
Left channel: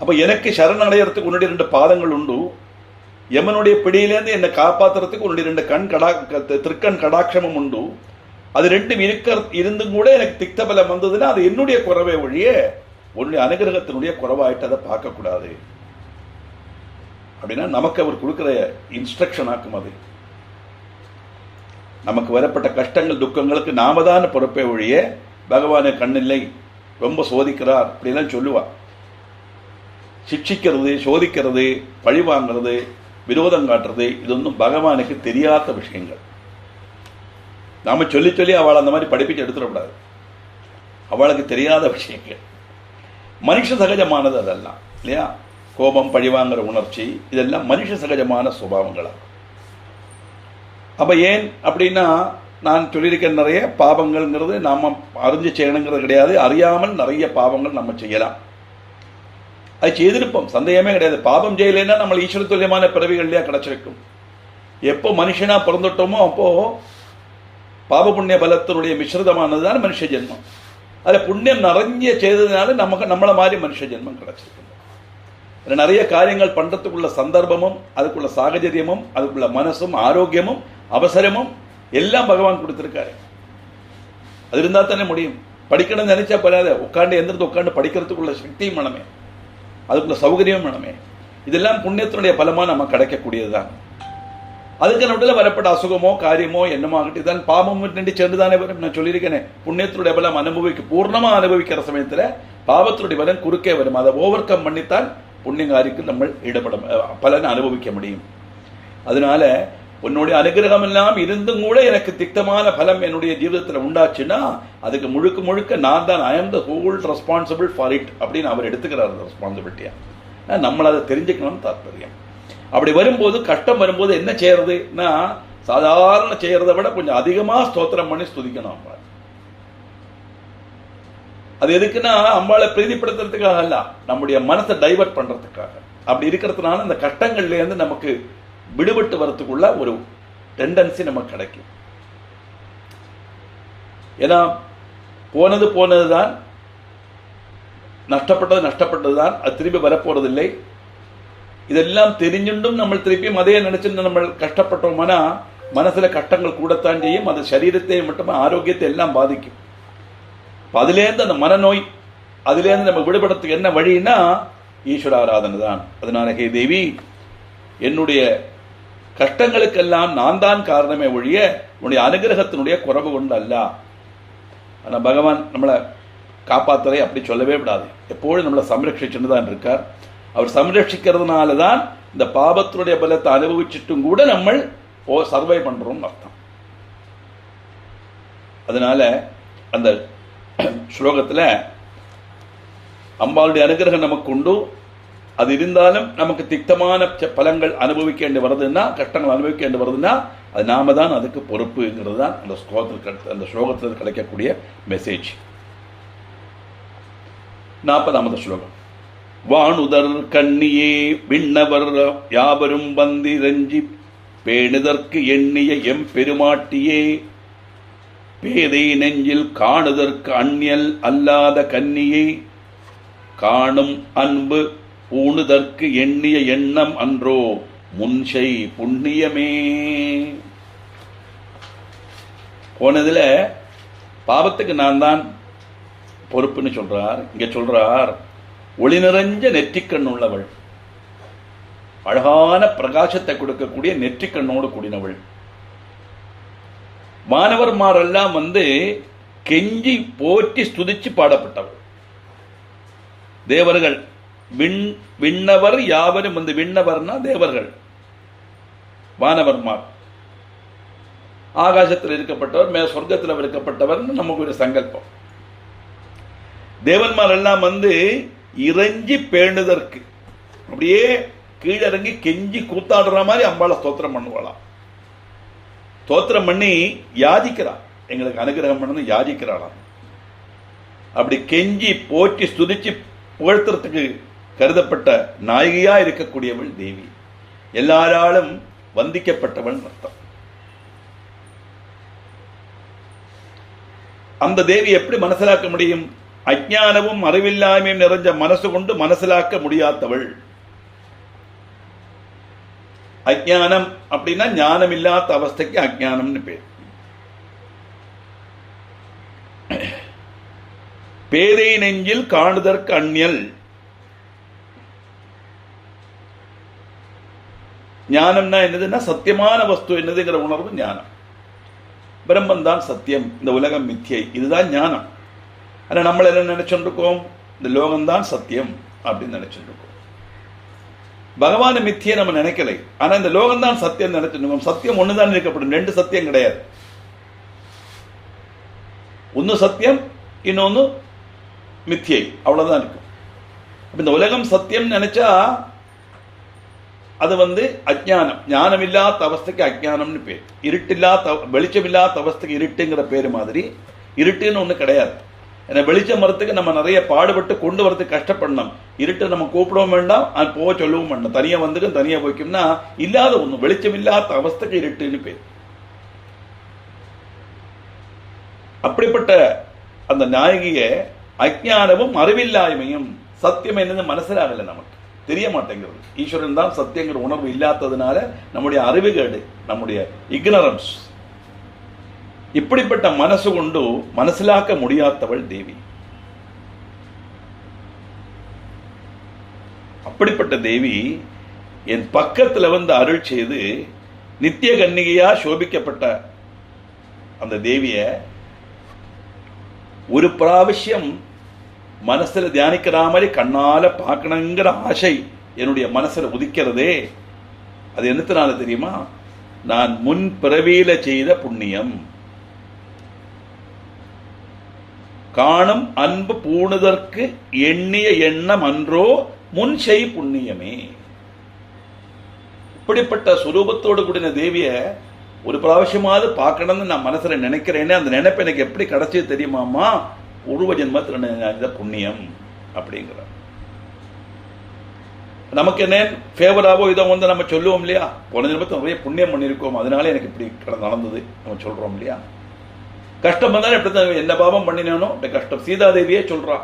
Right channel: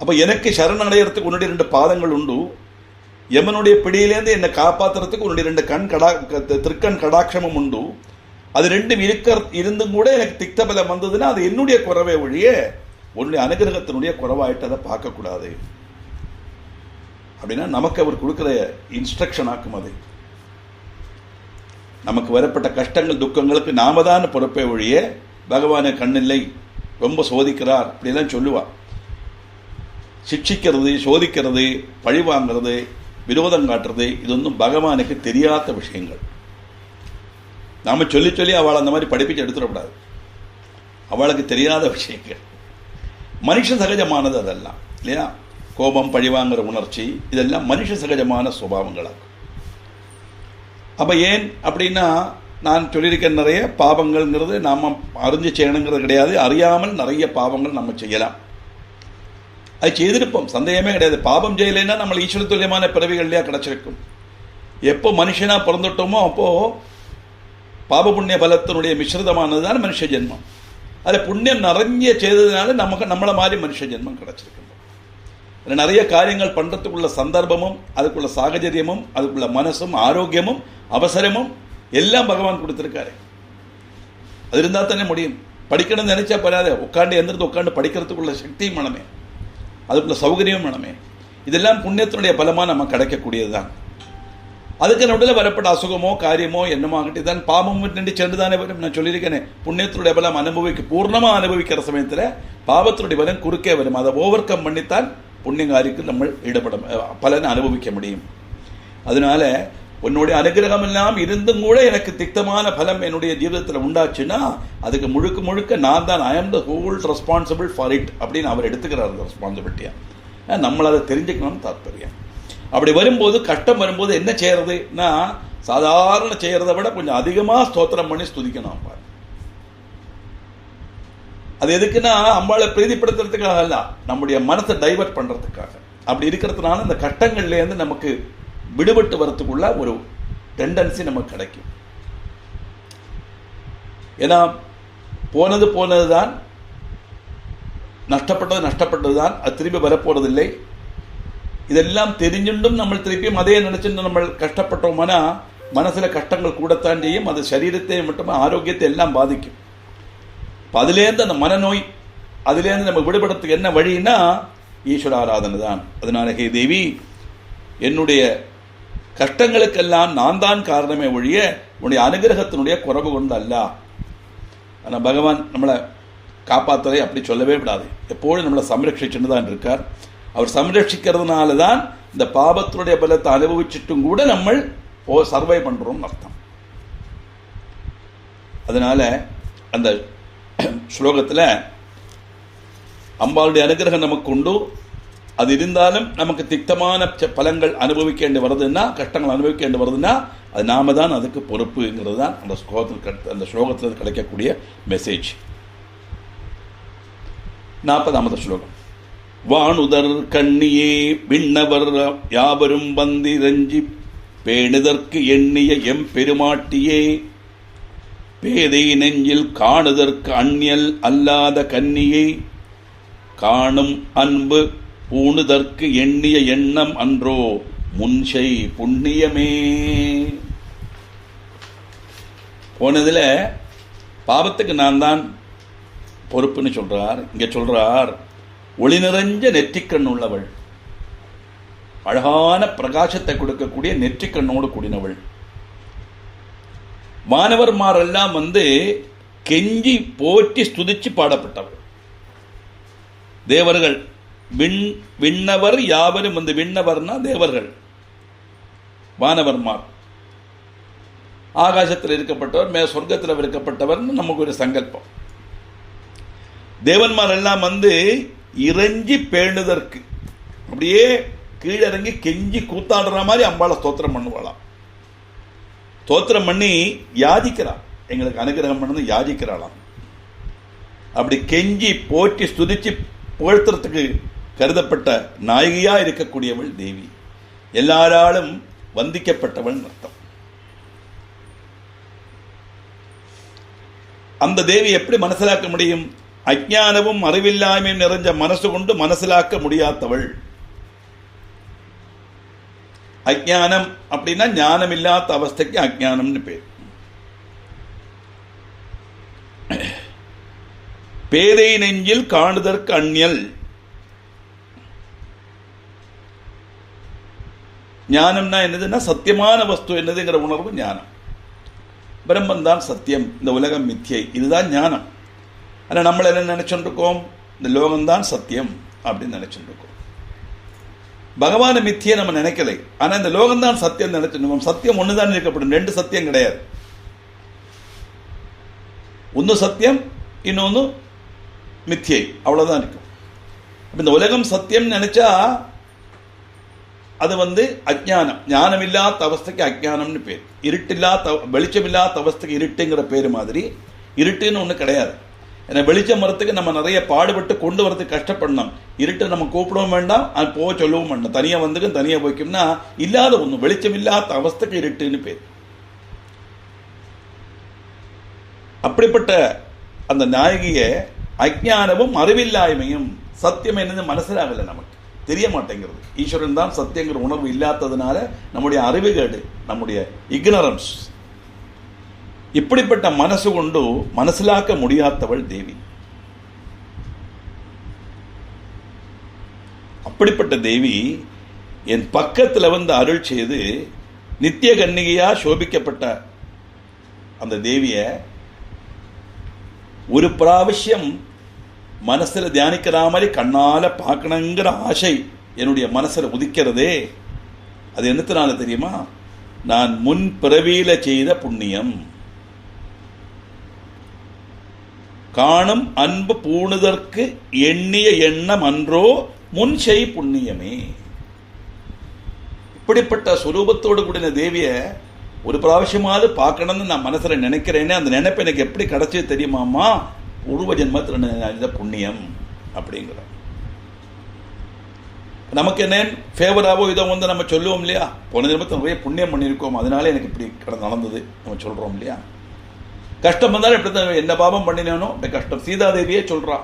அப்போ எனக்கு சரணடைகிறதுக்கு உன்னுடைய 2 பாதங்கள் உண்டு. யமனுடைய பிடியிலேருந்து என்னை காப்பாற்றுறதுக்கு உன்னுடைய 2 திருக்கண் கடாட்சமும் உண்டு. அது 2 இருந்தும் கூட எனக்கு திக்த பலம் வந்ததுன்னா அது என்னுடைய குறைவை ஒழிய உன்னுடைய அனுகிரகத்தினுடைய குறைவாயிட்டு அதை பார்க்கக்கூடாது. அப்படின்னா நமக்கு அவர் கொடுக்குற இன்ஸ்ட்ரக்ஷன் ஆக்கும். அது நமக்கு வரப்பட்ட கஷ்டங்கள் துக்கங்களுக்கு நாம தான் பொறுப்பே ஒழிய பகவானை கண்ணில்லை, ரொம்ப சோதிக்கிறார் அப்படிலாம் சொல்லுவா. சிக்ஷிக்கிறது, சோதிக்கிறது, பழி வாங்கிறது, விரோதம் காட்டுறது, இது ஒன்றும் பகவானுக்கு தெரியாத விஷயங்கள். நாம சொல்லி சொல்லி அவளை அந்த மாதிரி படிப்பிச்சு எடுத்துடக்கூடாது. அவளுக்கு தெரியாத விஷயங்கள். மனுஷ சகஜமானது அதெல்லாம் இல்லையா? கோபம், பழிவாங்கிற உணர்ச்சி, இதெல்லாம் மனுஷ சகஜமான சுபாவங்களாகும். அப்ப ஏன் அப்படின்னா, நான் சொல்லியிருக்கேன், நிறைய பாவங்கள்ங்கிறது நாம அறிஞ்சு செய்யணுங்கிறது கிடையாது. அறியாமல் நிறைய பாவங்கள் நம்ம செய்யலாம். அது செய்திருப்போம், சந்தேகமே கிடையாது. பாபம் செய்யலைன்னா நம்ம ஈஸ்வர துல்லியமான பிறவிகள்லையா கிடைச்சிருக்கும். எப்போ மனுஷனா பிறந்துட்டோமோ அப்போ பாப புண்ணிய பலத்தினுடைய மிஸ்ரிதமானது தான் மனுஷ ஜென்மம். அதில் புண்ணியம் நிறைய செய்ததுனால நம்மளை மாதிரி மனுஷ ஜென்மம் கிடைச்சிருக்கு. நிறைய காரியங்கள் பண்றதுக்குள்ள சந்தர்ப்பமும் அதுக்குள்ள சாகச்சரியமும் அதுக்குள்ள மனசும் ஆரோக்கியமும் அவசரமும் எல்லாம் பகவான் கொடுத்திருக்காரு. அது இருந்தா தானே முடியும். படிக்கணும்னு நினைச்சா போறாது, உட்காந்து எந்திரத்து உட்காந்து படிக்கிறதுக்குள்ள சக்தியும் மனமே, அதுக்குள்ள சௌகரியம் மனமே, இதெல்லாம் புண்ணியத்தினுடைய பலமா நம்ம கிடைக்கக்கூடியதுதான். அதுக்கு நடுவில் வரப்பட்ட அசுகமோ காரியமோ என்னமாகட்டி தான் பாவம் நின்று சேர்ந்துதானே வரும். நான் சொல்லியிருக்கேனே, புண்ணியத்தினுடைய பலம் பூர்ணமா அனுபவிக்கிற சமயத்தில் பாவத்தினுடைய பலம் குறுக்கே வரும். அதை ஓவர் கம் பண்ணித்தான் புண்ணியகாரிக்கு நம்ம ஈடுபட பலனை அனுபவிக்க முடியும். அதனால உன்னுடைய அனுகிரகம் எல்லாம் இருந்தும் கூட எனக்கு திக்தமான பலம் என்னுடைய ஜீவிதத்தில் உண்டாச்சுன்னா அதுக்கு முழுக்க முழுக்க நான் தான், ஐ ஆம் the whole responsible for it அப்படின்னு அவர் எடுத்துக்கிறார் ரெஸ்பான்சிபிலிட்டியா. நம்மளை அதை தெரிஞ்சுக்கணும்னு தாற்பயம். அப்படி வரும்போது கஷ்டம் வரும்போது என்ன செய்யறதுன்னா, சாதாரண செய்யறதை விட கொஞ்சம் அதிகமா ஸ்தோத்திரம் பண்ணி ஸ்துதிக்கணும். அது எதுக்குன்னா அம்பாளை பிரீதிப்படுத்துறதுக்காக அல்ல, நம்முடைய மனசை டைவர்ட் பண்றதுக்காக. அப்படி இருக்கிறதுனால இந்த கட்டங்கள்ல இருந்து நமக்கு விடுபட்டு வரத்துக்குள்ள ஒரு டெண்டன்சி நமக்கு கிடைக்கும். ஏன்னா போனதுதான், நஷ்டப்பட்டதுதான், அது திரும்பி வரப்போறதில்லை. இதெல்லாம் தெரிஞ்சுண்டும் நம்ம திருப்பியும் அதே நினைச்சுட்டு நம்ம கஷ்டப்பட்டோம்னா மனசுல கஷ்டங்கள் கூடத்தான் செய்யும். அது சரீரத்தை மட்டும் ஆரோக்கியத்தை எல்லாம் பாதிக்கும். அதுலேருந்து அந்த மனநோய், அதுலேருந்து நம்ம விடுபடுறதுக்கு என்ன வழின்னா ஈஸ்வர ஆராதனை தான். அதனால ஹே தேவி, என்னுடைய கஷ்டங்களுக்கெல்லாம் நான் தான் காரணமே ஒழிய உன்னுடைய அனுகிரகத்தினுடைய குறைவு கொண்டு அல்ல. ஆனால் பகவான் நம்மளை காப்பாற்றுறதை அப்படி சொல்லவே விடாது. எப்போதும் நம்மளை சம்ரட்சிச்சுட்டு தான் இருக்கார். அவர் சம்ரட்சிக்கிறதுனால தான் இந்த பாபத்தினுடைய பலத்தை அனுபவிச்சுட்டும் கூட நம்ம சர்வை பண்றோம்னு அர்த்தம். அதனால அந்த ஸ்லோகத்தில் அம்பாளுடைய அனுகிரகம் நமக்கு உண்டு. அது இருந்தாலும் நமக்கு திட்டமான பலங்கள் அனுபவிக்க வருதுன்னா, கஷ்டங்கள் அனுபவிக்க வருதுன்னா, அது நாம தான் அதுக்கு பொறுப்புங்கிறது தான் அந்த ஸ்லோகத்தில் கிடைக்கக்கூடிய மெசேஜ். 40வது ஸ்லோகம். வானுதர் கண்ணியே விண்ணவர் யாவரும் வந்திரஞ்சி பேணுதற்கு எண்ணிய எம்பெருமாட்டியே பேதை நெஞ்சில் காணுதற்கு அந்நியல் அல்லாத கன்னியை காணும் அன்பு பூணுதற்கு எண்ணிய எண்ணம் அன்றோ முன்சை புண்ணியமே. போனதுல பாவத்துக்கு நான் தான் பொறுப்புன்னு சொல்றார். இங்க சொல்றார், ஒளி நிறைஞ்ச நெற்றிக்கண் உள்ளவள், அழகான பிரகாசத்தை கொடுக்கக்கூடிய நெற்றிக்கண்ணோடு கூடினவள். மாணவர்மாரெல்லாம் கெஞ்சி போற்றி ஸ்துதிச்சு பாடப்பட்டவள். தேவர்கள் விண்ணவர் யாவரும் விண்ணவர்னா தேவர்கள், வானவர்மார் ஆகாசத்தில் இருக்கப்பட்டவர், சொர்க்கத்தில் இருக்கப்பட்டவர் நமக்கு ஒரு சங்கல்பம். தேவன்மார் எல்லாம் இறங்கி பேணுதற்கு அப்படியே கீழிறங்கி கெஞ்சி கூத்தாடுற மாதிரி அம்பாளை ஸ்தோத்திரம் பண்ணுவாளாம். ஸ்தோத்திரம் பண்ணி யாதிக்கிறான், எங்களுக்கு அனுகிரகம் பண்ணது யாதிக்கிறாளாம். அப்படி கெஞ்சி போற்றி ஸ்துதிச்சு புகழ்த்துறதுக்கு கருதப்பட்ட நாயகியா இருக்கக்கூடியவள் தேவி, எல்லாராலும் வந்திக்கப்பட்டவள் அர்த்தம். அந்த தேவி எப்படி மனசிலாக்க முடியும்? அஜ்ஞானமும் அறிவில்லாமையும் நிறைஞ்ச மனசு கொண்டு மனசிலாக்க முடியாதவள். அஜ்ஞானம் அப்படின்னா ஞானம் இல்லாத அவஸ்தைக்கு அஜ்ஞானம்னு பேர். பேதை நெஞ்சில் காணுதற்கு அந்நியல். ஞானம்னா என்னதுன்னா சத்தியமான வஸ்து என்னதுங்கிற உணர்வு ஞானம். பிரம்மன் தான் சத்தியம், இந்த உலகம் மித்தியை, இதுதான் ஞானம். ஆனால் நம்ம என்ன நினைச்சுருக்கோம்? இந்த லோகம்தான் சத்தியம் அப்படின்னு நினைச்சுருக்கோம். பகவான மித்தியை நம்ம நினைக்கலை, ஆனால் இந்த லோகம்தான் சத்தியம் நினைச்சிருக்கோம். சத்தியம் ஒன்று தான் இருக்கப்படும், ரெண்டு சத்தியம் கிடையாது. ஒன்று சத்தியம், இன்னொன்று மித்தியை, அவ்வளோதான் இருக்கும். இந்த உலகம் சத்தியம் நினைச்சா அது அஜ்ஞானம். ஞானம் இல்லாத அவஸ்தைக்கு அஜ்ஞானம்னு பேர். இருட்டில்லாத வெளிச்சமில்லாத அவஸ்தைக்கு இருட்டுங்கிற பேர் மாதிரி இருட்டுன்னு ஒன்று கிடையாது. ஏன்னா வெளிச்சம் வரத்துக்கு நம்ம நிறைய பாடுபட்டு கொண்டு வரதுக்கு கஷ்டப்படணும். இருட்டை நம்ம கூப்பிடவும் வேண்டாம், அது போக சொல்லவும் வேண்டாம். தனியாக தனியாக போய்க்கும்னா இல்லாத ஒன்று, வெளிச்சம் இல்லாத அவஸ்தைக்கு இருட்டுன்னு பேர். அப்படிப்பட்ட அந்த நாயகிய அஜ்ஞானமும் அறிவில்லாய்மையும் சத்தியம் என்னது மனசிலாகலை, நமக்கு தெரிய மாட்டேங்கிறது. ஈஸ்வரன் தான் சத்தியங்கிற உணர்வு இல்லாததுனால நம்முடைய அறிவுகேடு, நம்முடைய இக்னரன்ஸ், இப்படிப்பட்ட மனசு கொண்டு மனசிலாக்க முடியாதவள் தேவி. அப்படிப்பட்ட தேவி என் பக்கத்தில் அருள் செய்து நித்திய கன்னிகையா சோபிக்கப்பட்ட அந்த தேவிய ஒரு பிராവശ്யம் மனசில் தியானிக்கிற மாதிரி கண்ணால பார்க்கணுங்கிற ஆசை என்னுடைய மனசில் உதிக்கிறதே. அது என்னத்தினால தெரியுமா? நான் முன் பிறவியில செய்த புண்ணியம். காணும் அன்பு பூணுதற்கு எண்ணிய எண்ணம் அன்றோ முன் செய் புண்ணியமே. இப்படிப்பட்ட சுரூபத்தோடு கூடின தேவிய ஒரு பிராവശ്யமாவது பார்க்கணும்னு நான் மனசுல நினைக்கிறேன்னு, அந்த நினைப்பு எனக்கு எப்படி கிடைச்சது தெரியுமாமா? உருவ ஜென்மத்தில் புண்ணியம் அப்படிங்கிற நமக்கு என்ன ஃபேவராவோ இதோ நம்ம சொல்லுவோம் இல்லையா? போன ஜென்மத்தில் நிறைய புண்ணியம் பண்ணியிருக்கோம், அதனால எனக்கு இப்படி நடந்தது நம்ம சொல்றோம் இல்லையா? கஷ்டம் வந்தாலும் எப்படி என்ன பாவம் பண்ணினேனோ அப்படி கஷ்டம். சீதாதேவியே சொல்றா,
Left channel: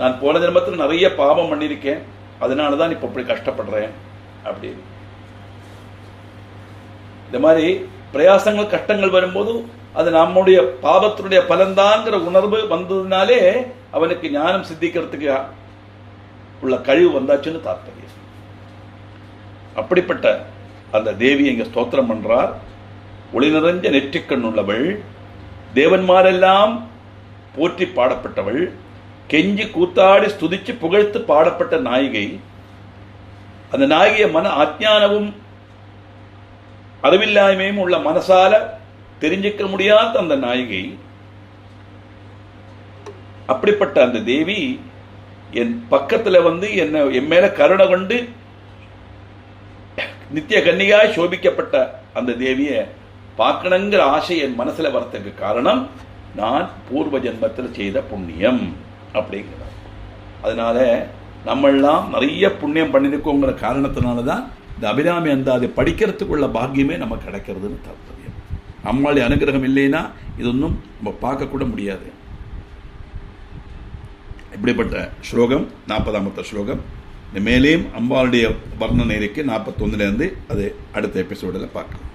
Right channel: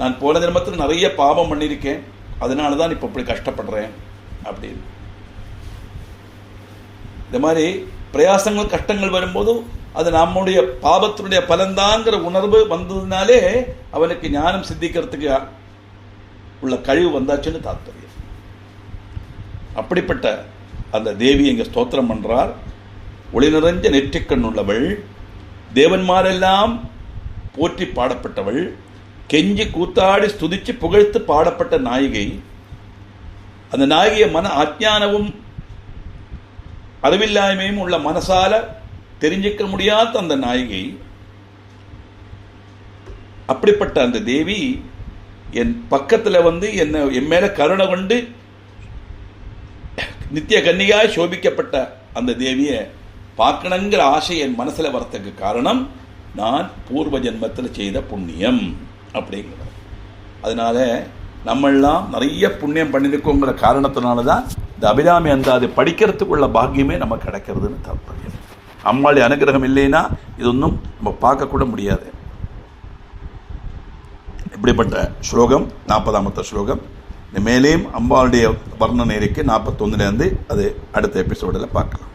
நான் போன ஜென்மத்தில் நிறைய பாவம் பண்ணியிருக்கேன், அதனால தான் இப்போ இப்படி கஷ்டப்படுறேன் அப்படின்னு. இந்த மாதிரி பிரயாசங்கள் கஷ்டங்கள் வரும்போது அது நம்முடைய பாபத்தினுடைய பலன்தாங்கிற உணர்வு வந்ததுனாலே அவனுக்கு ஞானம் சித்திக்கிறதுக்கு உள்ள கழிவு வந்தாச்சுன்னு தாற்பயம். அப்படிப்பட்ட அந்த தேவி இங்க ஸ்தோத்திரம் பண்றார். ஒளி நிறைஞ்ச நெற்றிக்கண் உள்ளவள், தேவன்மாரெல்லாம் போற்றி பாடப்பட்டவள், கெஞ்சி கூத்தாடி ஸ்துதிச்சு புகழ்த்து பாடப்பட்ட நாயகி. அந்த நாயகிய மன அஜ்ஞானமும் அறிவில்லாமையும் உள்ள மனசால தெரிஞ்சிக்க முடியாத அந்த நாயகி அப்படிப்பட்ட அந்த தேவி என் பக்கத்தில் வந்து என் மேல கருணை கொண்டு நித்திய கன்னியாய் சோபிக்கப்பட்ட அந்த தேவியை பார்க்கணுங்கிற ஆசை என் மனசில் வரத்துக்கு காரணம் நான் பூர்வ ஜென்மத்தில் செய்த புண்ணியம் அப்படிங்கிறார். அதனால நம்மெல்லாம் நிறைய புண்ணியம் பண்ணியிருக்கோங்கிற காரணத்தினால தான் இந்த அபிராமி அந்தாதி படிக்கிறதுக்குள்ள பாக்கியமே நமக்கு கிடைக்கிறதுன்னு தாற்பயம். அம்மாளுடைய அனுகிரகம் இல்லைன்னா இதொன்னும் நம்ம பார்க்கக்கூட முடியாது. இப்படிப்பட்ட ஸ்லோகம் 40ஆம் ஸ்லோகம். மேலேயும் அம்பாளுடைய வர்ணனை இருக்கு 41லேருந்து. அது அடுத்த எபிசோடில் பார்க்கலாம்.